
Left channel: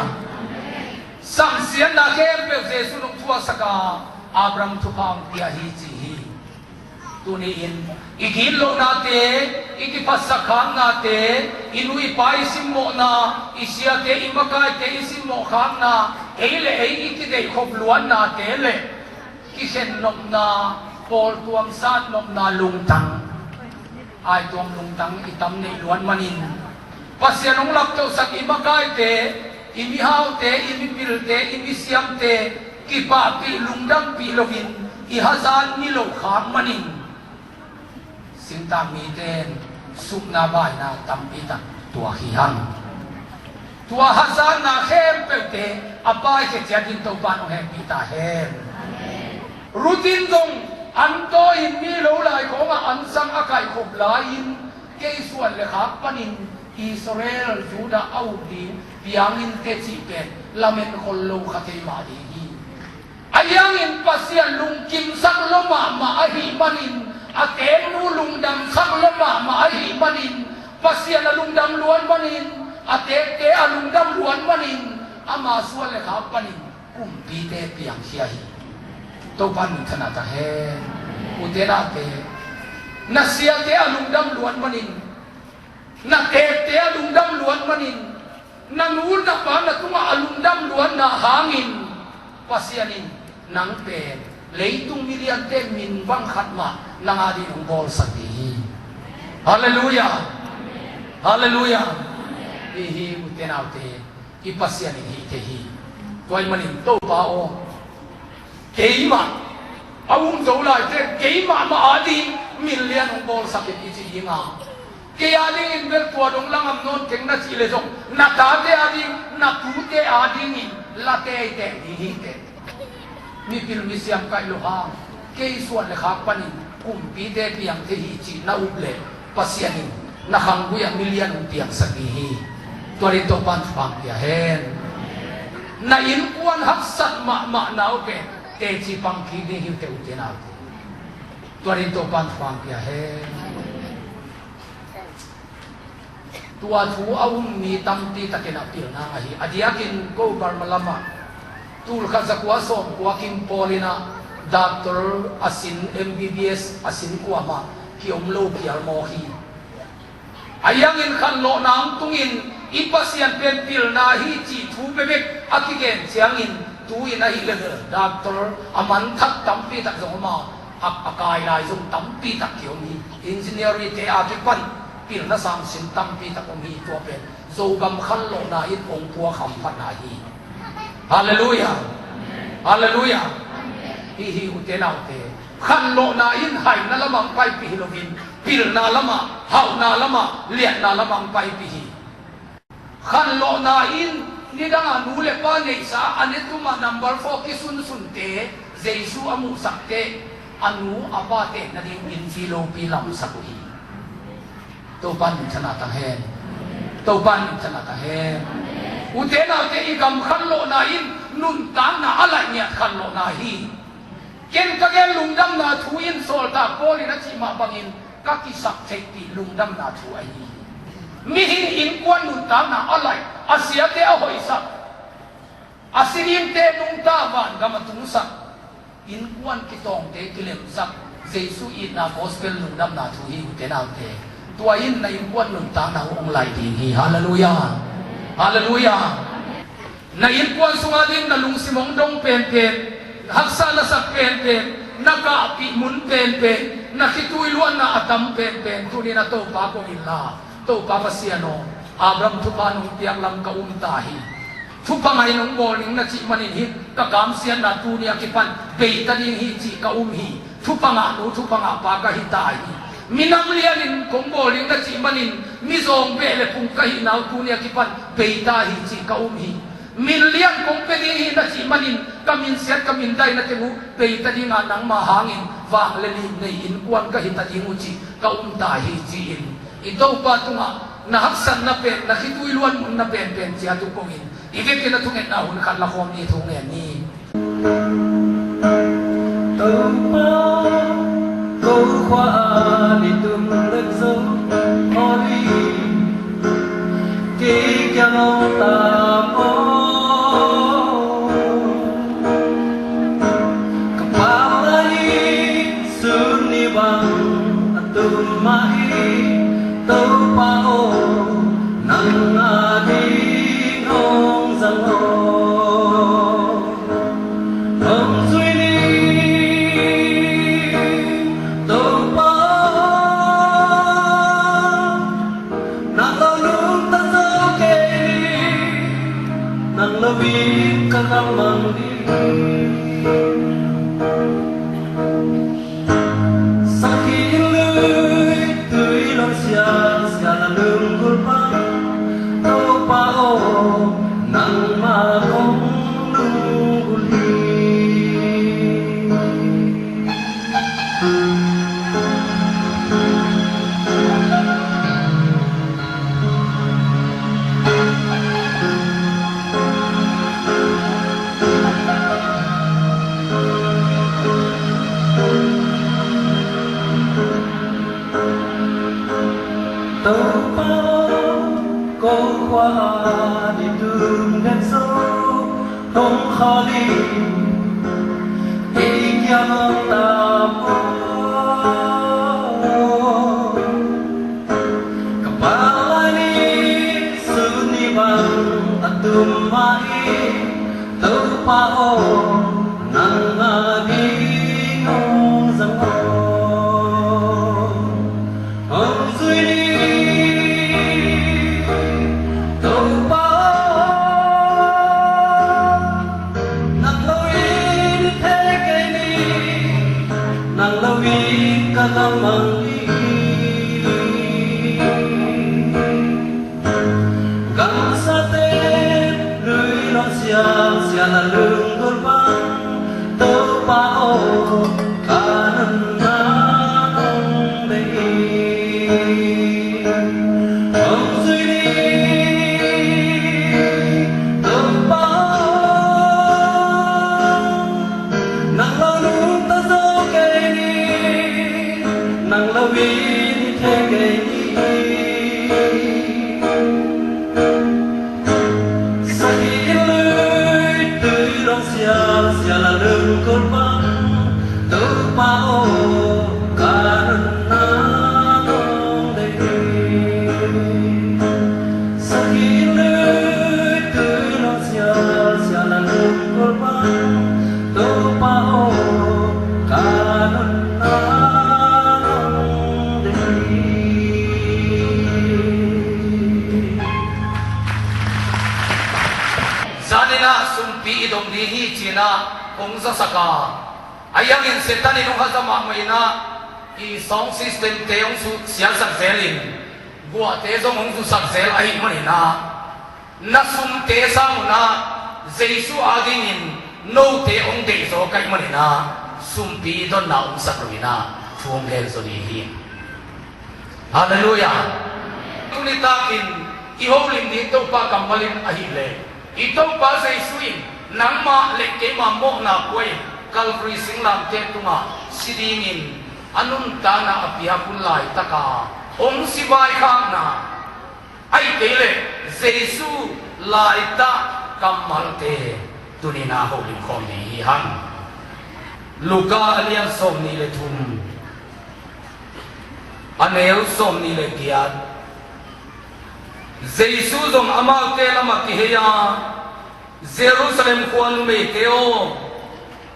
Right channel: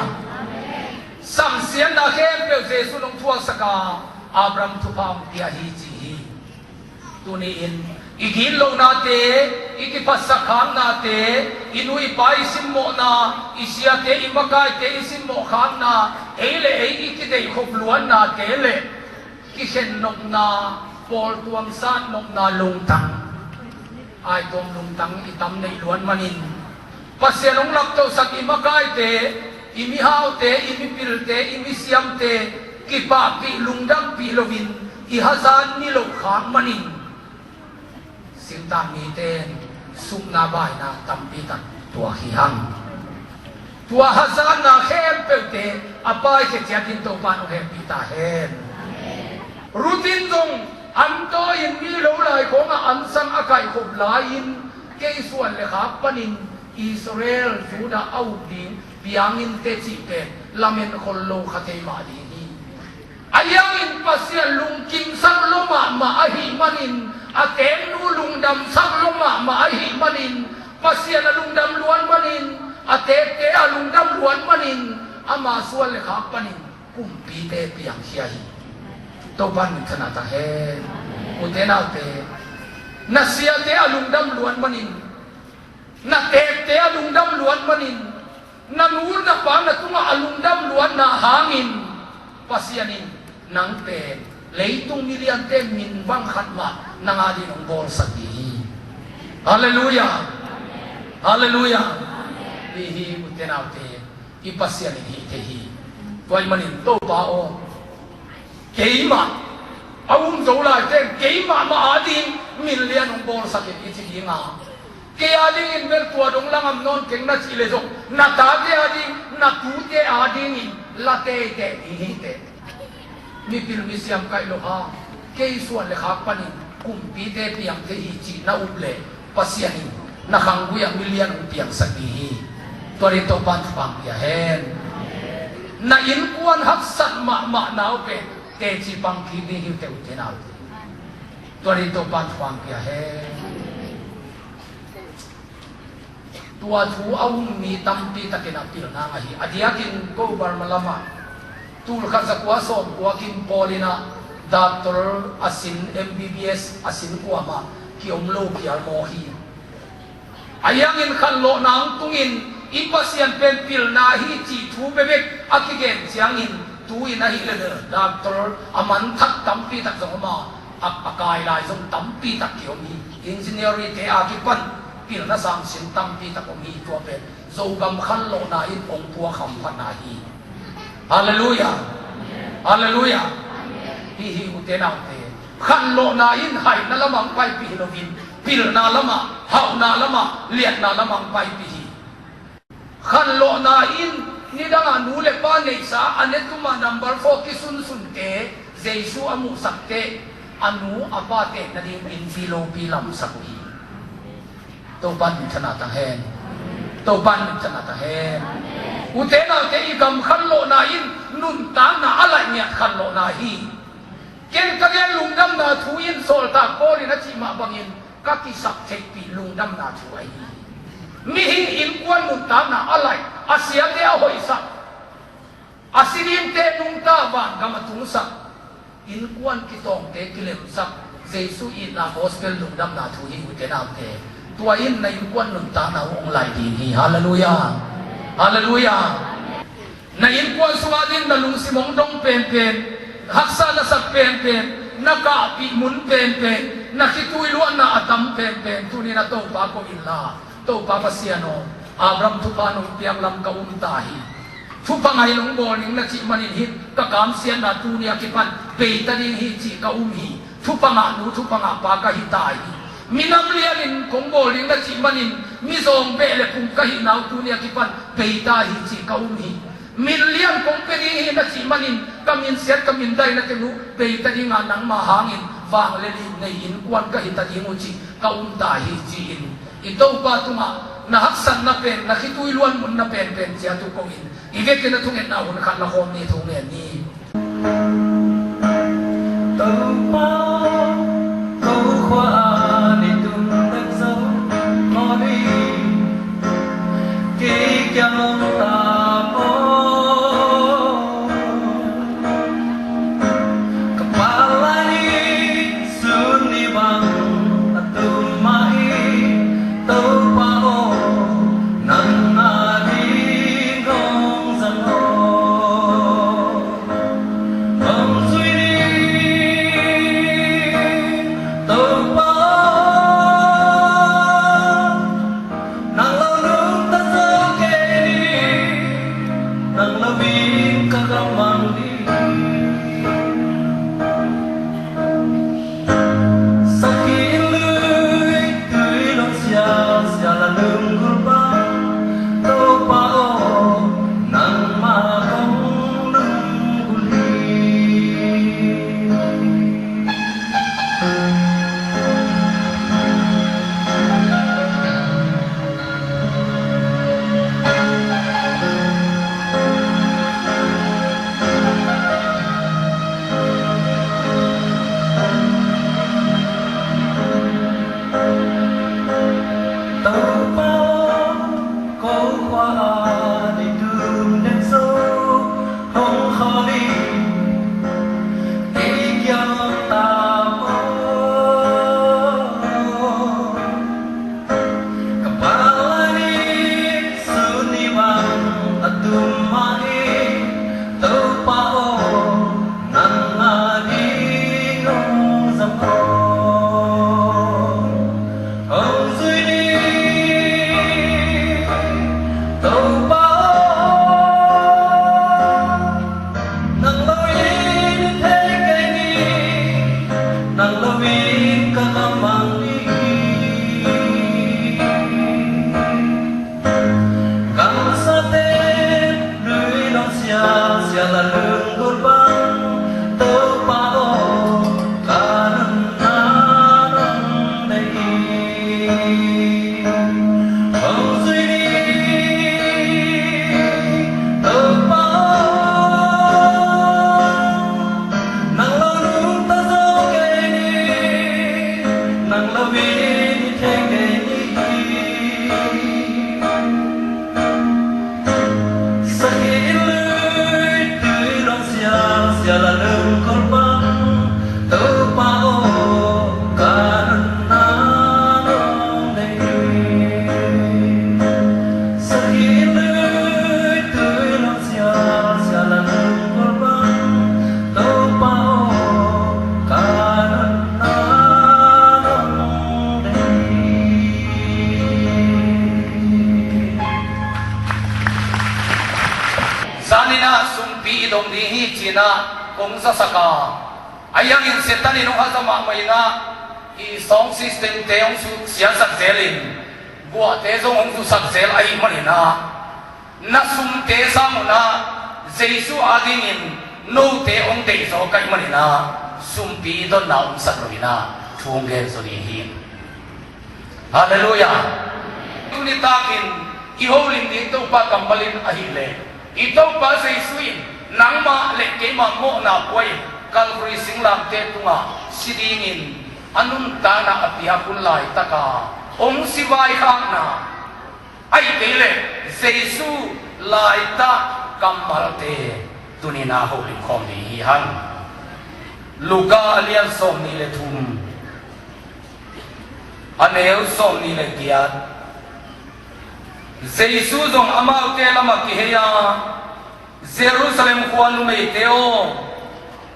samsian na kem pe Yesu nung tua saka Abraham tupam tiahi ji tuniin igilong nate ikipasakhan nate inui pai simmo na isiate imakai te isimmo khan na ele ei ikidei khopluan na tele kisen nok na pol tuam san nok na lungtang ai tuam lungtang itam nei luan manin pasianong lakto sak imakai te imihau te imipil te imisiam te kipa pi lungdang pi lovin ihazan nilo kham manin sinta mi ten sukna bai na tampita tua hihang tua hazan na hem pelte apai che chatin to ban hem pita hem rutin dong anto in mi lo lai ko nga ansang akai khop lain ke suan le khap panin Israel Juda au din piangin te chi pe lamen kollo khatei ma di ayangin pasya lungkim sang loma ma ahi manin aten mu lungdam sang loma ma ahi manin pasya na lungdam luan manin atete alungdam luan manin ama suan le khap panin kumpi te piang siahi to ban thana ta he utena te nasya te alungdam luan manin na te alungdam luan manin nangur na pa na tunga alungdam luan na hangin pasyanin nang pe leitung milian te min bang khatma nang adi ng bor sati haleluya haleluya ihi utenaute ipasyanin hi tehi toy manin to bao keima awung zola te keima ma adi milian ng bor sati ichi inga kaya ding in ber tuadong lang am non keng na chile jok na tate adi na tute adi ni late te hi te mi pil mi siam kai lo ha ke suan le khak panin kumpi te piang te hi chi na uple pasiani na khanggu ya milian piang sabihi tori to pan pang ya hen na in kuan hak sat ma na pe te chi pang ki di hi te utena tori to pan pang ya hen tua thu awung mi tampi takina pil na ahi adiakin ko bar malama tul kha zakwa som waking polina doctor asin MBBS asin kuama ki omlo piar mo hi ayangin khallo nang tungin ipasian pen pil na hi chi thu bebek akigen siangin tuin na hi le doctor aman thak tampi tak zoma akai lai zong tampi tak kyomi engineer te akipan pil na sam sin tampi tak mi to pe zogam khallo na in ong tua kham panahi haleluya haleluya hi utenaute khallo na in hai na lamang pai pi lovin pil na lama hau na lama liat na lamang pai pi khallo na in ni danga nu le pa nei sa ane tuma number 4 ki sun sun te jesu amu sakte anu apa te na ding in silo pilam sakuhi to pan chana ta hen to pan chana ta hen utena te igam khallo na in nun ta na ala nya khallo na hi ken ka gen lungdam na thu in sol ta poli na chi ma bangin ka ki sak thei pi lungdam na thu ai mi hin in kwan nun ta na ala asia te a hoi sak asirim te nung ta ban gamatung sak in kwan ki tong te kilem sak jesu in na gospel lungdam na thu hi te na te tua in na in kwan nun ta na ong lai di hi hallelujah hallelujah na in kwan suadin na lung simong dong pen pen haksa na sak pen pen na ka api mun pen pen na kitui luan na atam pen pen tu ni na to pa ko illa to pa pasiano abram tu pa nung tiang lam ka tahi thu pangai nong morning na chi manin hi ka kam sian na tu nia ki pan pe ta ding hi chi ka hi thu panga nu thu panga pa ka hi tai minam lianin kong morning na chi manin mi zong be le pung ka hi nau tu nia ki pan pe ta hi chi ka hi min lian kong pe hi na chi manin kamin siat kamin dai na te mu pe ta ding nang ma hangin wang le ni nei in kwan ka hi ta ding chi ka ta hi chi in ito pa tunga na haksan na pen na kitui luan mun na pen pen sia tu ko in ibe ke na thungen na hun khan la khom ni thung ne ni tơ pa câu khoa đi tum đất sâu ho đi ki kya no ta mo kapala ni sun ni bang atum mai tơ pa o nang na đi ngong zang ho ayang in setan inu hazama maina i song system te ong su sia sak zelin gua te zong ong su sak zel ai manina na sum te sa muna jesu adin in no te ong te so kai manina sumpi don na sakruina thum le zoni hi hallelujah tuni takin iholin dito pa kambalin ahile ito pa sa isuin nang ma le ke ma mo na poi kalfri singlam te tunga sidingin anung tana apihapun lai taka ong sibai khang na ai kele jesu lai ta kamal te tunina holin khom ni han luka alian som ni le thum aneu som ni le kiat jesu zong amal te lama ki heya jerusalem khwan me teo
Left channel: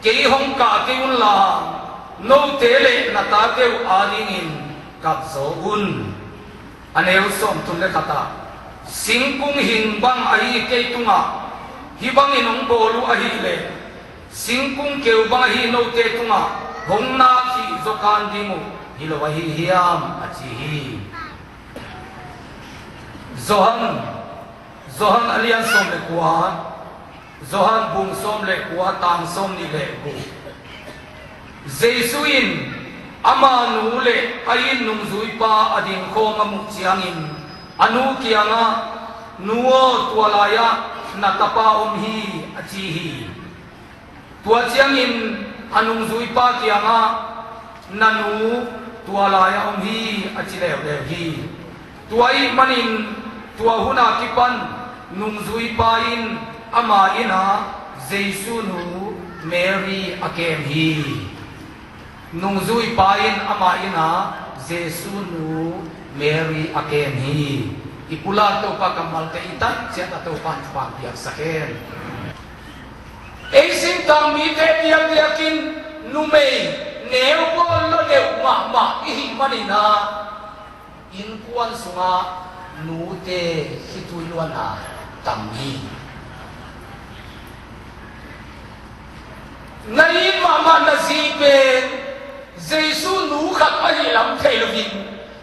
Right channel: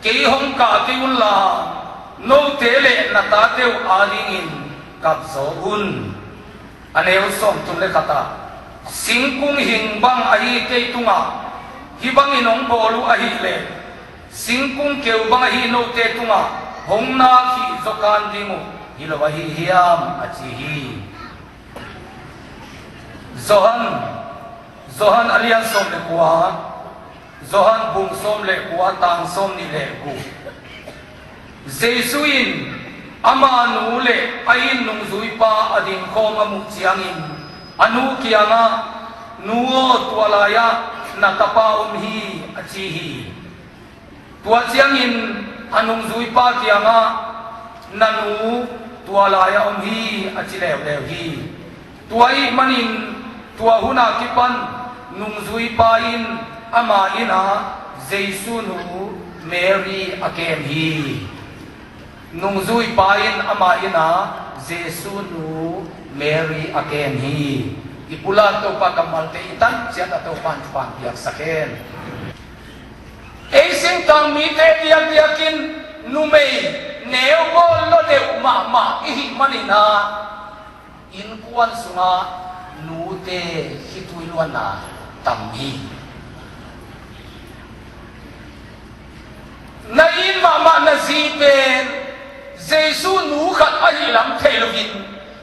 ke hong ka ti un la no te le na ta teu alingin kap zo un aneu som tun le khata singkung hingbang ahi te tunga hibang inong bolu ahi le singkung keu bang ahi no te tunga hongna ki zokan dimu hilowahi hiam achihi zohan alian som le kuwa zohan bung som le kuwa tang som ni le ku jesuin ama nu le ain nung zui pa ading khom amu chiangin anu kianga nuo tualaya natapa hi achihi tua chiangin anung zui pa kianga nanu tualaya hi achile le hi tuai manin tua huna kipan nung zui pa in ama ina jesu nu mary akem hi nung zui pa in ama ina jesu nu mary akem hi ipula to pa kamal te itan siya to pan piak saken Eising tang mi te diang diakin numei neo bol lo neo ma ihi manina in kuan sunga nu te hituiluana tamhi nai mama na zibe jesu nu khat ahi lam thelovin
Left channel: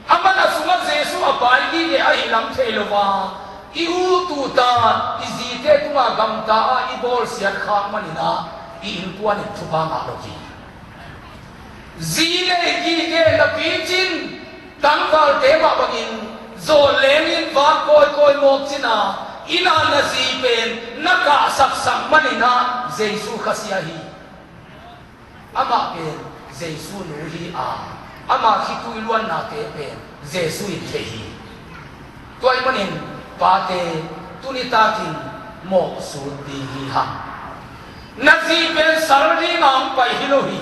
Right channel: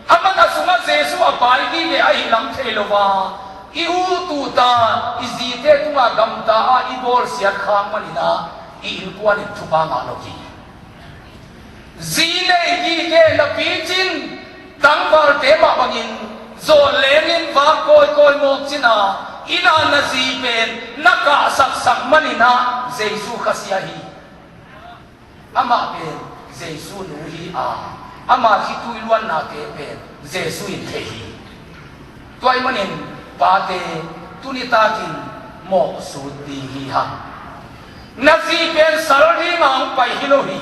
amana sunga jesu apai gi le ahi lam thelova iu tu ta izite tunga gamta a ibol sia khang manina i inpuan thupa ma loki zile gi ke la pichin tangkar tema bangin zo lenin va koi mok china ina na ziben naka sak manina jesu khasiahi ama pe jesu nu hi a ama hitui luan na ke pe jesu in thei toy manin pate tunitakin mo sudi hi ha naziben sarodi ngam pai hilohi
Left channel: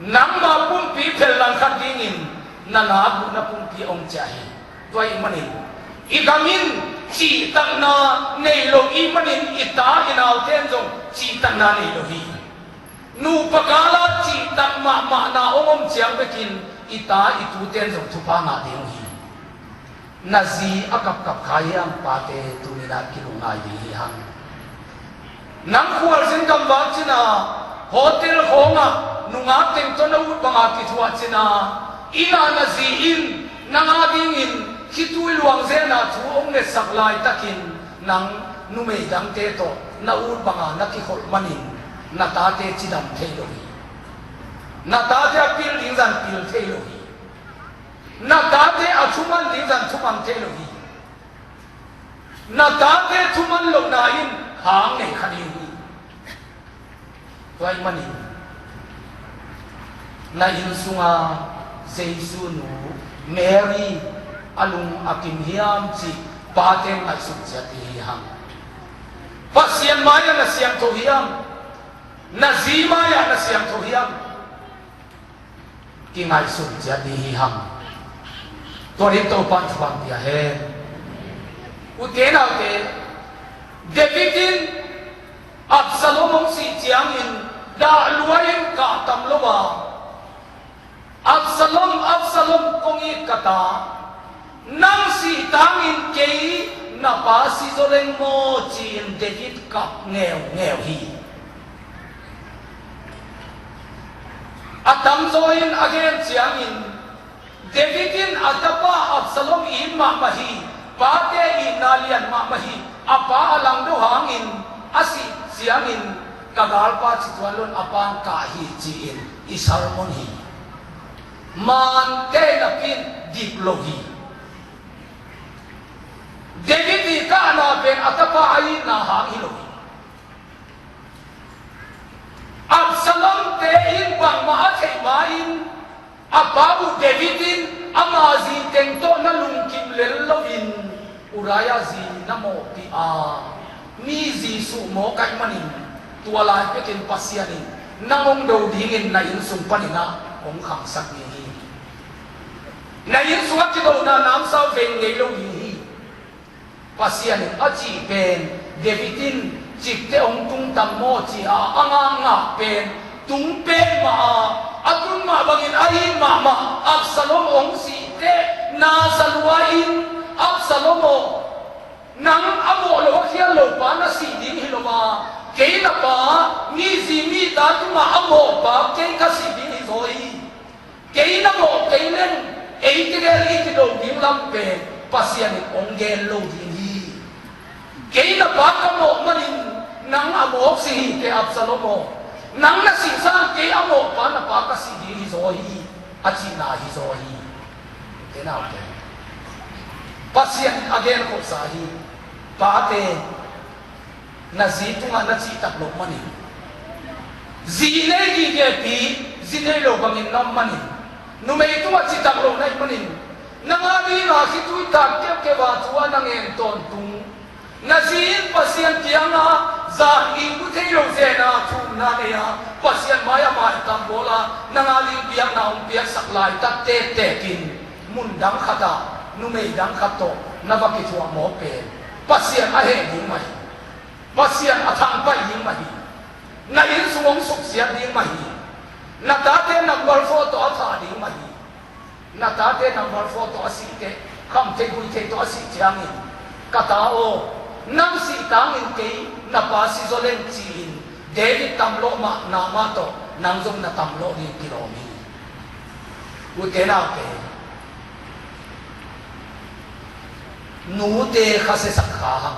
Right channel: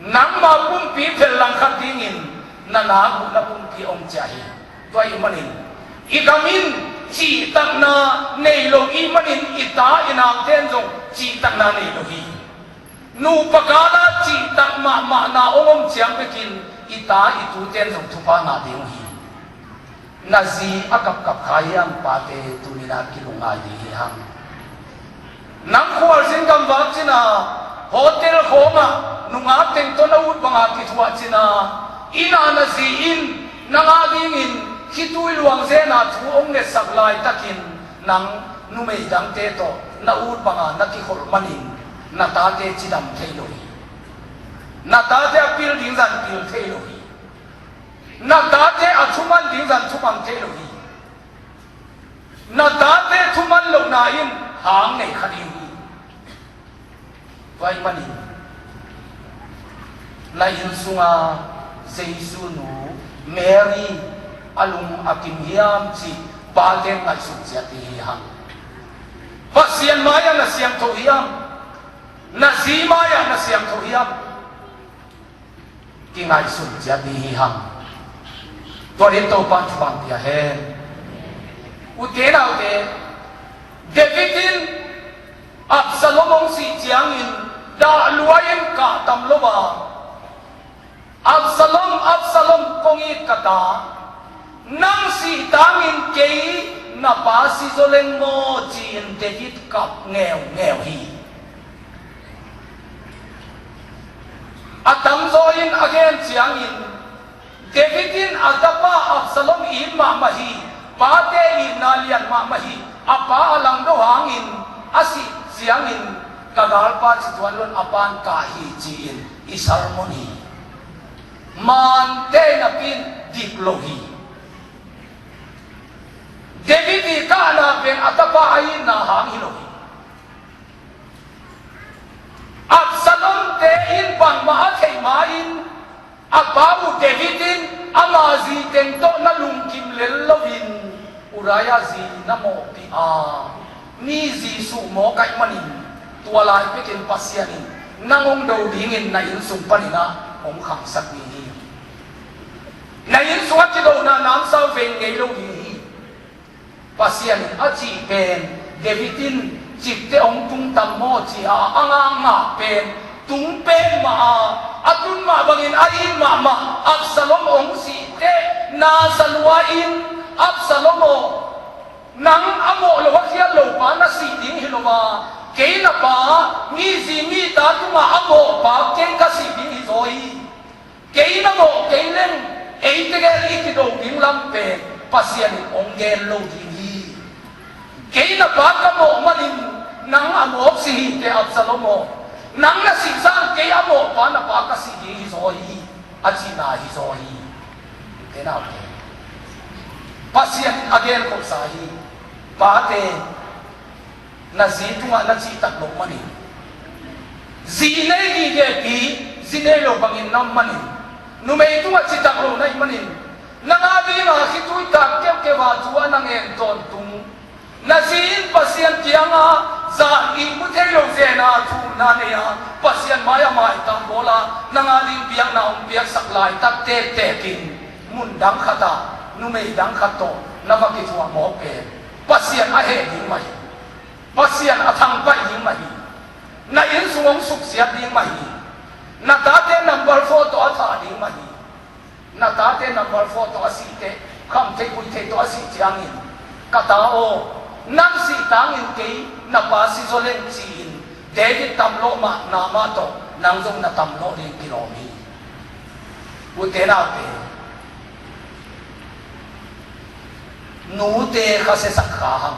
nang ma pumpi phel lang khat dingin nana bu na pumpi om chahi toy manin igamin chi tak na nei lo i manin ita inal ten jong chi tak na nei lo hi nu pakala chi tak ma na om chiang bekin ita itu ten jong thupa na ding hi nazi akap kayang pate tunina kilungai di hang nang khwal sin kam wa china hotel khonga nunga ten to na ut banga ki thua china ina nazi in nanga ding in hitui luang zena thu ong le saklai takin nang numei dang te to na ut banga na ki khol manin na ta te chidam theiloi na ta te apil ding zan pil theiloi na tate athuman dingzan thumam te lohi na tate thuman lo na in hang nei khani hi toy mani na in sunga jesu nu mary alung akim hiam chi paten mai suk jati hang pasian maya na siam tho hiam na zima ya na siam tho hiam ki ngai suk jati hangตัวนี้ตัวปันฟังdia he uten autte Davidin Absalom si chiangin da luayin ka tamlowa Absalom kongi kata nang si tangin kei na pa si zoleng mo chin David kap nghèo hi atam zoin again chiangin Davidin adapa Absalom ima mahi pate inalian ma mahi apa alang do hangin asi siangin kagalpa situan lon apan kahi ciin isarmoni man te napin diplogi David ka na ben atapa ayin na hangilogi Absalom te in bang maatay main apabu Davidin amazi tento na lungkim lelovin uraya zi na mo ti ni Jisu mo kay manin tuwalay pekin pasyanin nangong daw dingin na insun panina ong kang sabihin na insuat daw na nang sa vengelo pasyanin aci pen Davidin cikte ong tung tamo ci anga pen tung pen atun bangin ayin mama Absalom ong site na salwain Absalom nang amo lo siya lo pa na siding hiloma kay na pa ni zimi ta tuma amo pa kay ka siding izoi kay na mo kay len ay tegal itido bim lampe pasyan ong gelo dinhi kay na pa ka mo manin nang amo si te Absalom nang nasisa kay amo pa na pa ka siding izoi at sina izoi kina pasyan again ko sahi pate na zitu nga na zitak lo mani zine gigepi zine lo bangin nam mani numay itu nga zitak lo na imanin nangabi nga kitu takip ke watuwa nang enton tung na zin pasyan kaya nga za imutay lo zena tuna niya pasyan maya maya tambola nangaling biyak na umpiyak saklay tate tekin mundang kata numay dang kato na bakitwa mo pe pasyan ahe ding mahi pasyan atangpay ding mahi na insumong suksya ding mahi na tate number 4 to ata ding mahi na tate number 4 to asite kamte kuite to asite angin katao nang sitangin kay na pasi zolen chin David tamlo ma na mato nang zong na tamlo ni kilomi utena pe nute khase sakham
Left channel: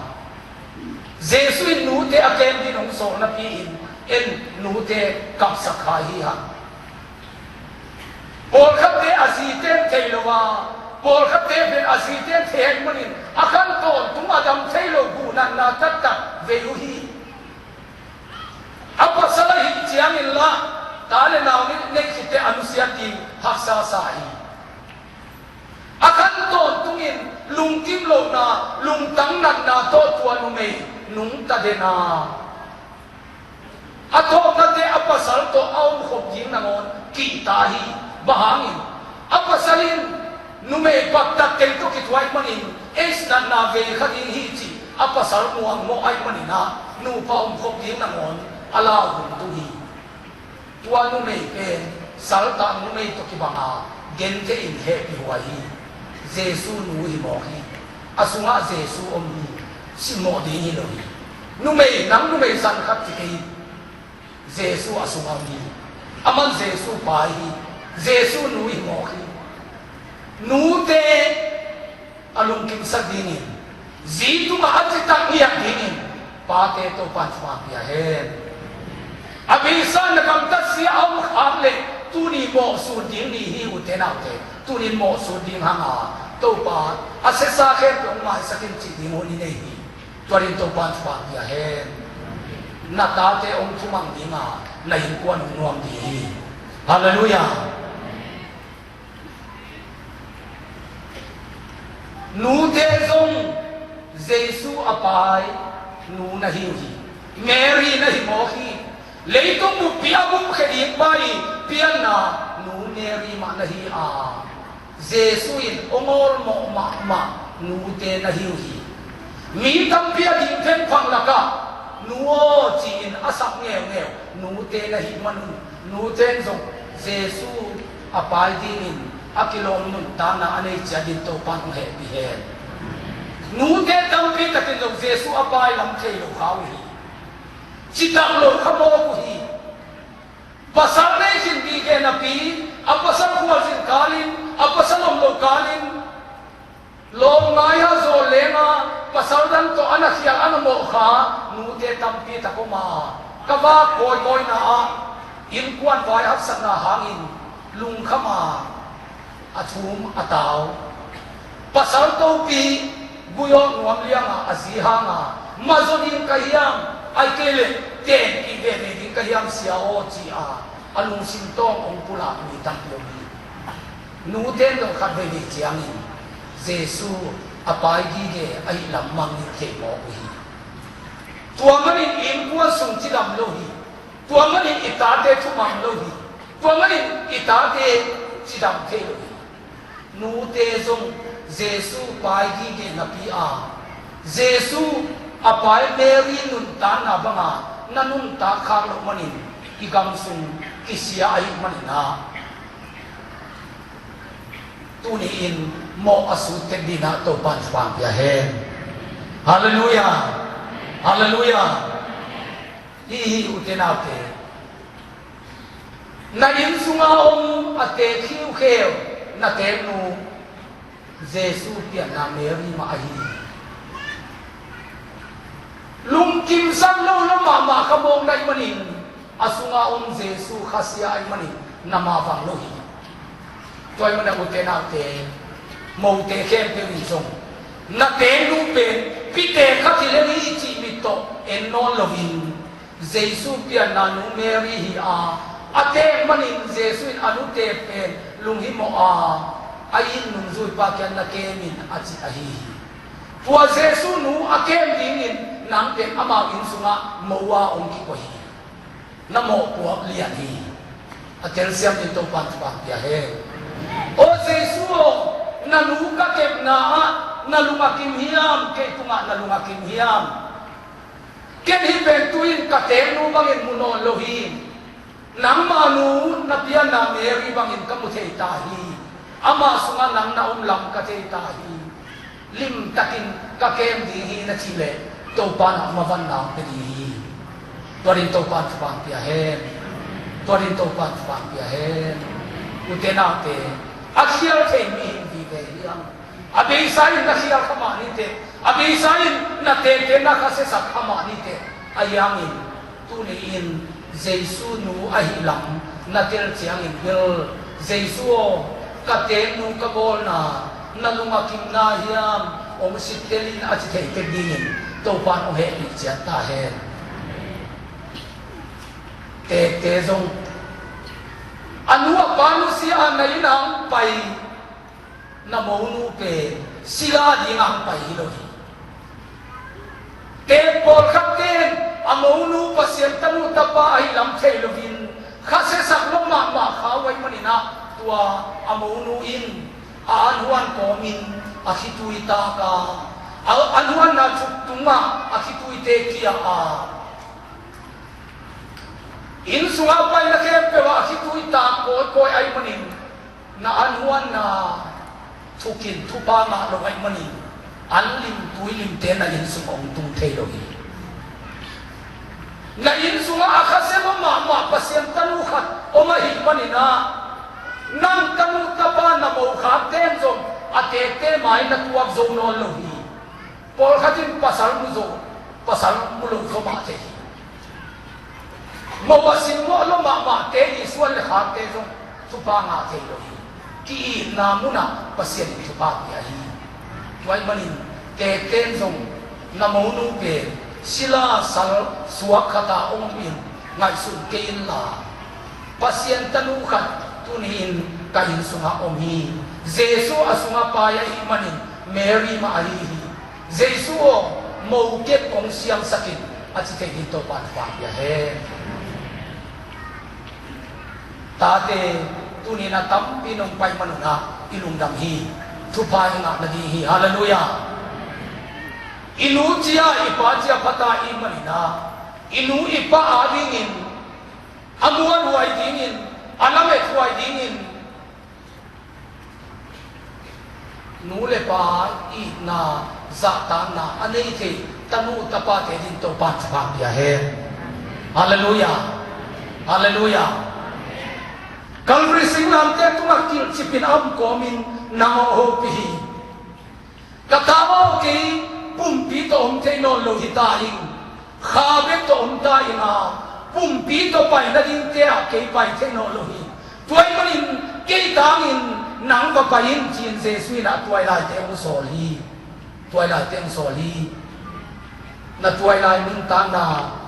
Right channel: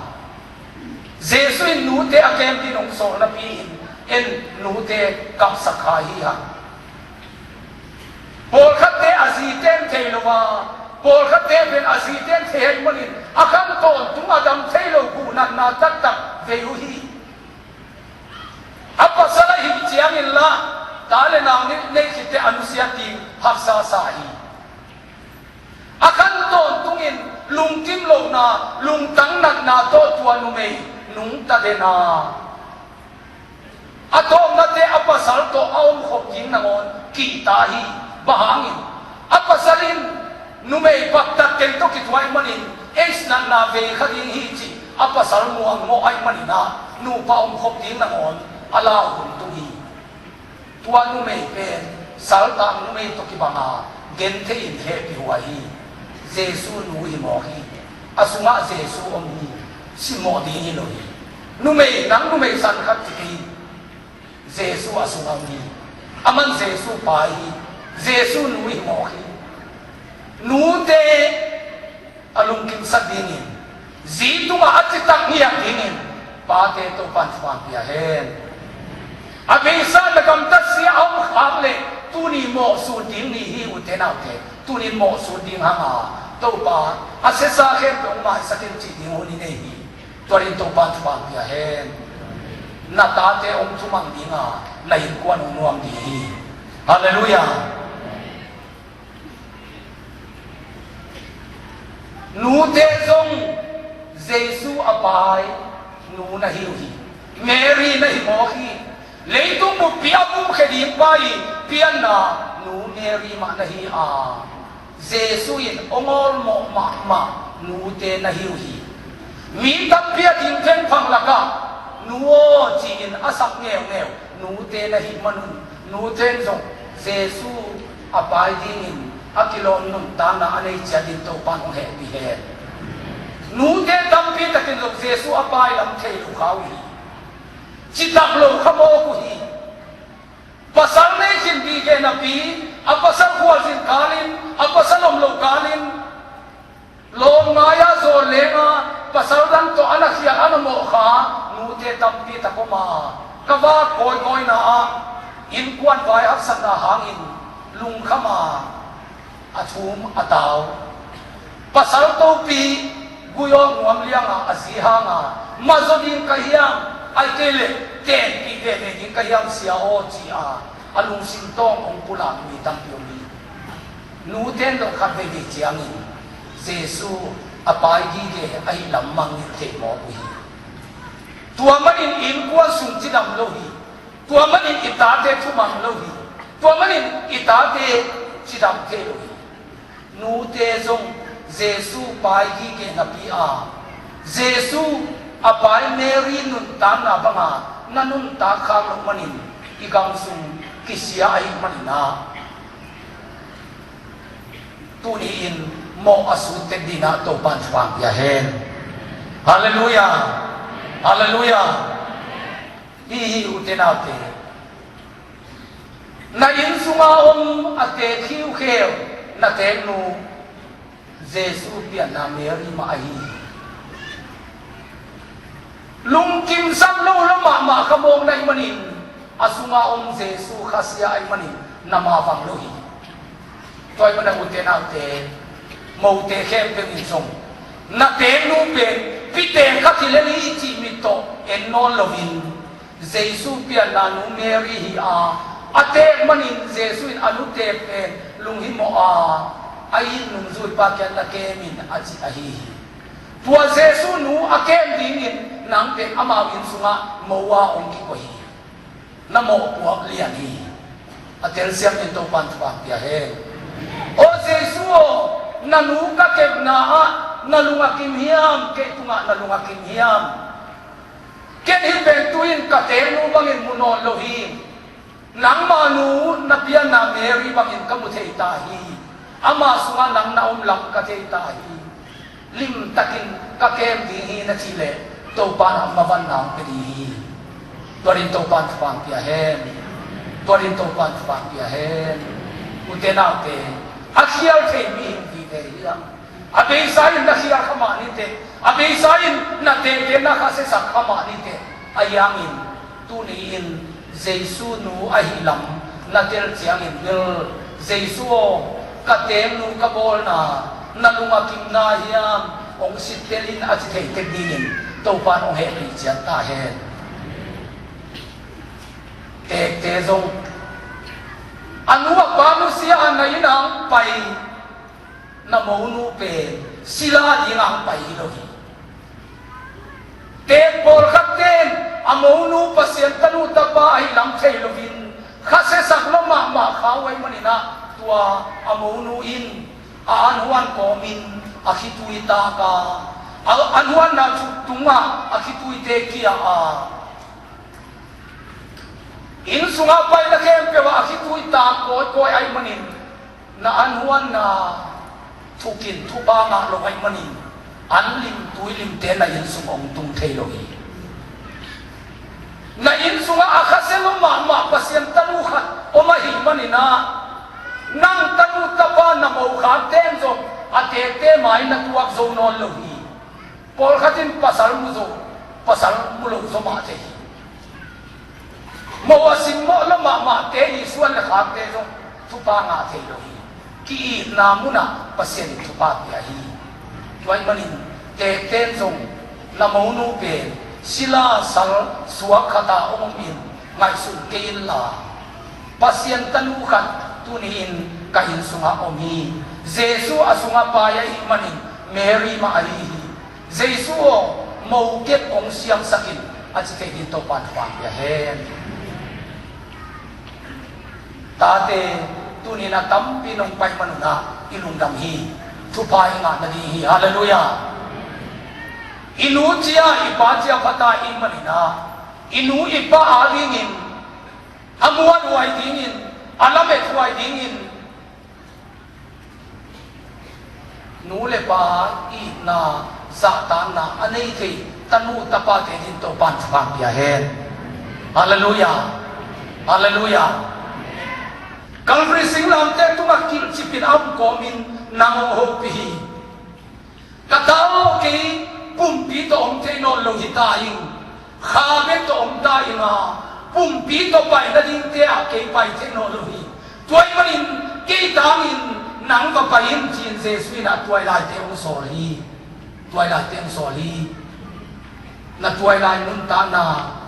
Jesu nute akem din ong so na piin en nute kap sakhahi ha por khate aziten theilowa por khate ben aziten thei manin akan to tung adam theilo gunan na tak tak veuhi apa salah hi chiang illa dale na ni ne site anusiati haksa sahi akan to tungin lungkim lo na lungtang na to tuanu me nung ta de na ato na de apasal to aum khop jing nangon kita hi bahangin apasalin nume bakta tel to kitwai manin es na ve khading hi chi apasal mu ang mo ai manina nu pa um khop jing nangon ala hum tu hi tuanu me pen sal ta nu me to ki banga gente in he pi huai Jesu nui mohi asunga Jesu omi si mo di ni loi nume nang nume san khat ti Jesu asunga mi aman Jesu pai Jesu nui mohi nute alung kim sa dingin zitu ma atitang niya dingin pate to panchma pia hen abisa nakamtas niya ang khamle tuni mo su ding ni hi utena te tuni mo su ding hanga to pa asesa khem to ma sakin chi ding holi nei hi torin to pan pa pia hen na ta te ong thumang dinga na hin kwan nuam di hi hallelujah nu te zong Jesu apai nu na hi Mary na hi mo hi leitung mu piabu khedi pai pian na nu Mary ma na hi Jesu in omor mo ma nu te na hi mi tam pia din pen phang laka nu o chi in asak ngeu nu te na hi manun nu ten zong Jesu apai din akilon nun ta na anei chadin to pan he bi he nu te tam pi takin zong Jesu apai lam thei lo khau hi Citak lo kamo ko hi pasal na hindi ke napi apasal kual sin kalin apasal lo kalin lo ngaya zo lema pasal lang to anak siya ano mo ka nute tampi takuma kava koi na in kuan vai hak na hangin lung khama athum ataw pasal to pi guyo ngam liang azihanga mazodin kahiyang ai kele ten ki de de kahiyang sia o chi a alung sintong ong pula ni tam yomi nu ten do khat be di chiang ni jesu apai gi ge ai lamang ni te mo bu hi tua mani in kwa sung ti dam lo hi tua mani ita te thu mam lo hi tua mani ita te chi dam te lo hi nu te zong jesu pai gi ge na pi a jesu apai mary nun ta na banga nanun ta khang lo manin ki gang sung ki sia ai manina tu ni in mo asu te dina to ban phang ya hen hallelujah hallelujah hi utenau te na in sunga om ate khiu kheo na te nu jesu pia na mary ma ai lung kim sam lo lo ma khamong nai manin asuma om jesu khasya ai manin nama wang lo hi toy mana utenau te mo te khem te ni song na te nu pe pite katileni chi mito enol lovin jesu pia na nu mary hi a ate manin jesu in anu te pen lung hi mo a ain nung zui pa kyan na kemin achi ahi tua jesu nu akem dingin nang te ama in sunga mowa ong ki ko hi na mo puak lian hi atel siam in to pan pa pia he o jesu na nu ka kep na na lunga kim hiam ke tunga na lunga kim hiam ken hi ben tuin ka te nu bangin muno lohi nang manu na pian na mary bangin ka mu thei ta hi ama sunga nang na lam ka thei ta hi lim takin ka kem di hi na chile to pan ma van nam pe di torin to pan pan pia hen torin to pan pan pia hen utena te aksial thei mi di te lam abi sain na siya kamani te abi sain na te na kasi sa kamani te ayangin tuliin jesu nu ahilam na tel chiangin bil jesu katen nu kabol na nalungakim na hiam ong sitelin at te dingin to pan ong he ni chia ta he te zong anua panu siya na inang pai na maunu pe sila di ngang pai lo te por kapten amaunu pasien tanu tapa ai lam thei lovin khase sak lo ma khawai manina tua amaunu in anhuan ko min akhitui ta ka anhuan na tunga akhitui te kia a in sunga pai na kem pe wa akhitui ta ko ai manin na anhuan na thukin thupa ma lo ai mani anlim tuilim te na in sungong tung thei lo hi na in sunga akhaselo ma pasien tanu khat o ma hi mani na nam tanu tapa na mo kha ten zo ate te mai na tuak zo no lo hi pol khatin pasal mu lo zo ma te mo wasin mo lo ma te ni suan le kha te zo thupa na te lo hi ki namuna pasien tu pa ya hi tuai manin te ten zong na mo nu pe sila sal suak khata min ngai sun ke la pasien tanu khat tunin kahin sunga omi jesu asunga pa ya hi manin mary ma ali jesu o mo ket ong siam sakin at te din to pan pa ya he tate tunina tampi nong pai manuna ilungdam hi thupai nga na di hi hallelujah inu chia ipa chia pata imanina inu ipa alingin amuan huai dingin alamet huai dingin nule pa i na zata na anei te tanu tapa te din to pan pa pia he hallelujah hallelujah Calvary singlam te tunga kil chipin am komin nang ho pi katao ki pumpi to om te no lo hitaing khabe to om ta inga ปุ่มปีต่อไปนั่นเองเจ้าเกี่ยไปเทคโนโลยีตัวมันเกี่ยทางอินหนังก็ไปอินจีนเซซุยนะตัวลายเตงโซลีตัวลายเตงโซลีนะตัวลายนุ่นตานา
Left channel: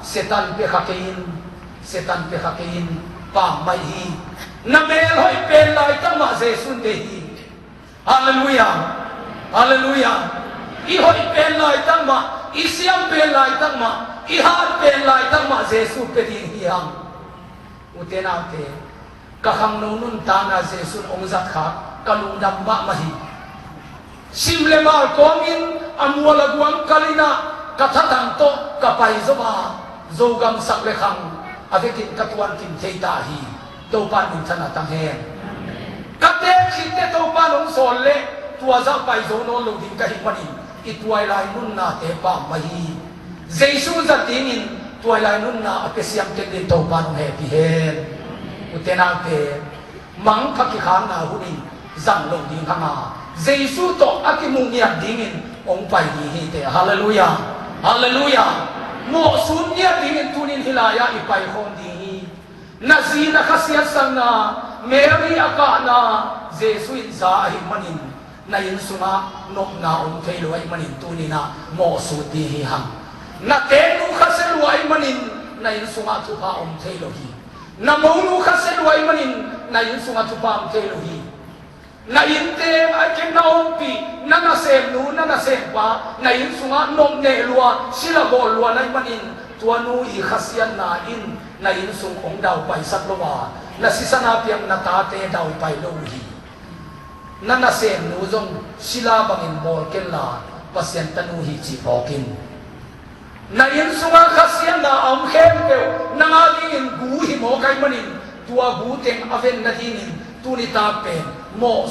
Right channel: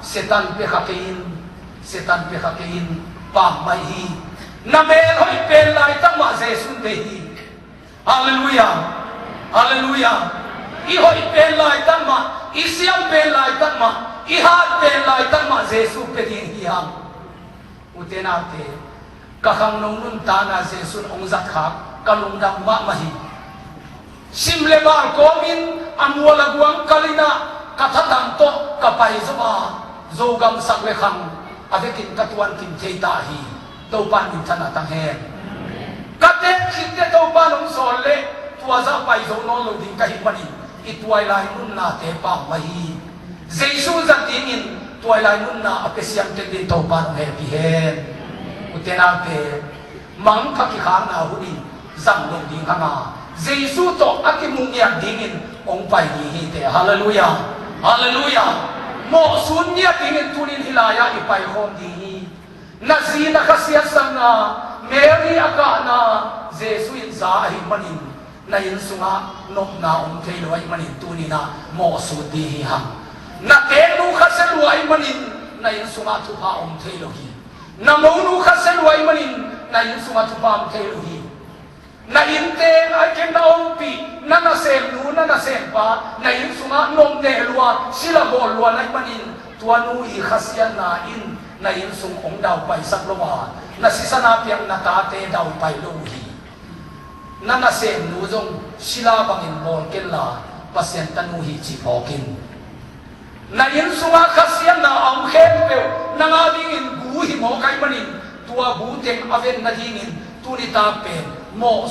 เซตันเปขักอินเซตันเปขักอินปามไม่ฮีนะเมลให้เป็นลายตั้งมาเซซุนเดฮีฮาเลลูยาฮาเลลูยาอีให้เป็นลายตั้งมาอีเสียงเป็นลายตั้งมาอีฮาร์เป็นลายตั้งมาเซซุเป็นฮีฮังอุเทนาเตกะขังนุ่นตานาเซซุนองจักขากะลุงดำมะมหิซิมเลมาลโกมินอัมวลกวงกาลินะกะทัดังโตกะไปซมาโจกังสักเลขังอเวกินกะตวันกินเทตาฮีโตปันอินทนาตังเฮกะเตคินเตโตปันองโซเลตัวซาไปโจโนโลดิงกะฮิมันิอีตัวไลนุ่นนาเตปามะฮีเจซูจะติงินตัวไลนุ่นนาอเปเซียมเตดิโตปันเฮปิเฮอุเทนาเตมังคักิขานอาหุนิจังลงดิงขมาเจซูโตอากิมุงยาดิงินองไปดีฮีเตฮาเลลูยาฮาเลลูยาโมสุนยาดิงินตุนินฮิลายาอีไปคงดีฮีนาซีนักเสียสังนาเมรีอากานาเจซูอินซาฮิมันินนายินสุงานกนาองเทลวยมันินตุนินาโมสุดีฮีฮังนาเตนุขัสลวยมันินนายินสุงาทุพาองเทโลฮีนาโมนุขัสลวยมันินนายินสุงาทุพาองเทโลฮีna inte na kemna ompi na naselu na nasempa na insunga nom ne lua sila bol lua na manin tuanu I khasian na in na insung ong daw pai saplowa na sisana piang na tate daw pai lohi na nasem nu jong sila bangin bol kella pasien tanu hi chi pokin na insunga khasian na om khem pe na ngading in gu hi mo kai manin tua gu teng aven na dingin tuni ta pen mo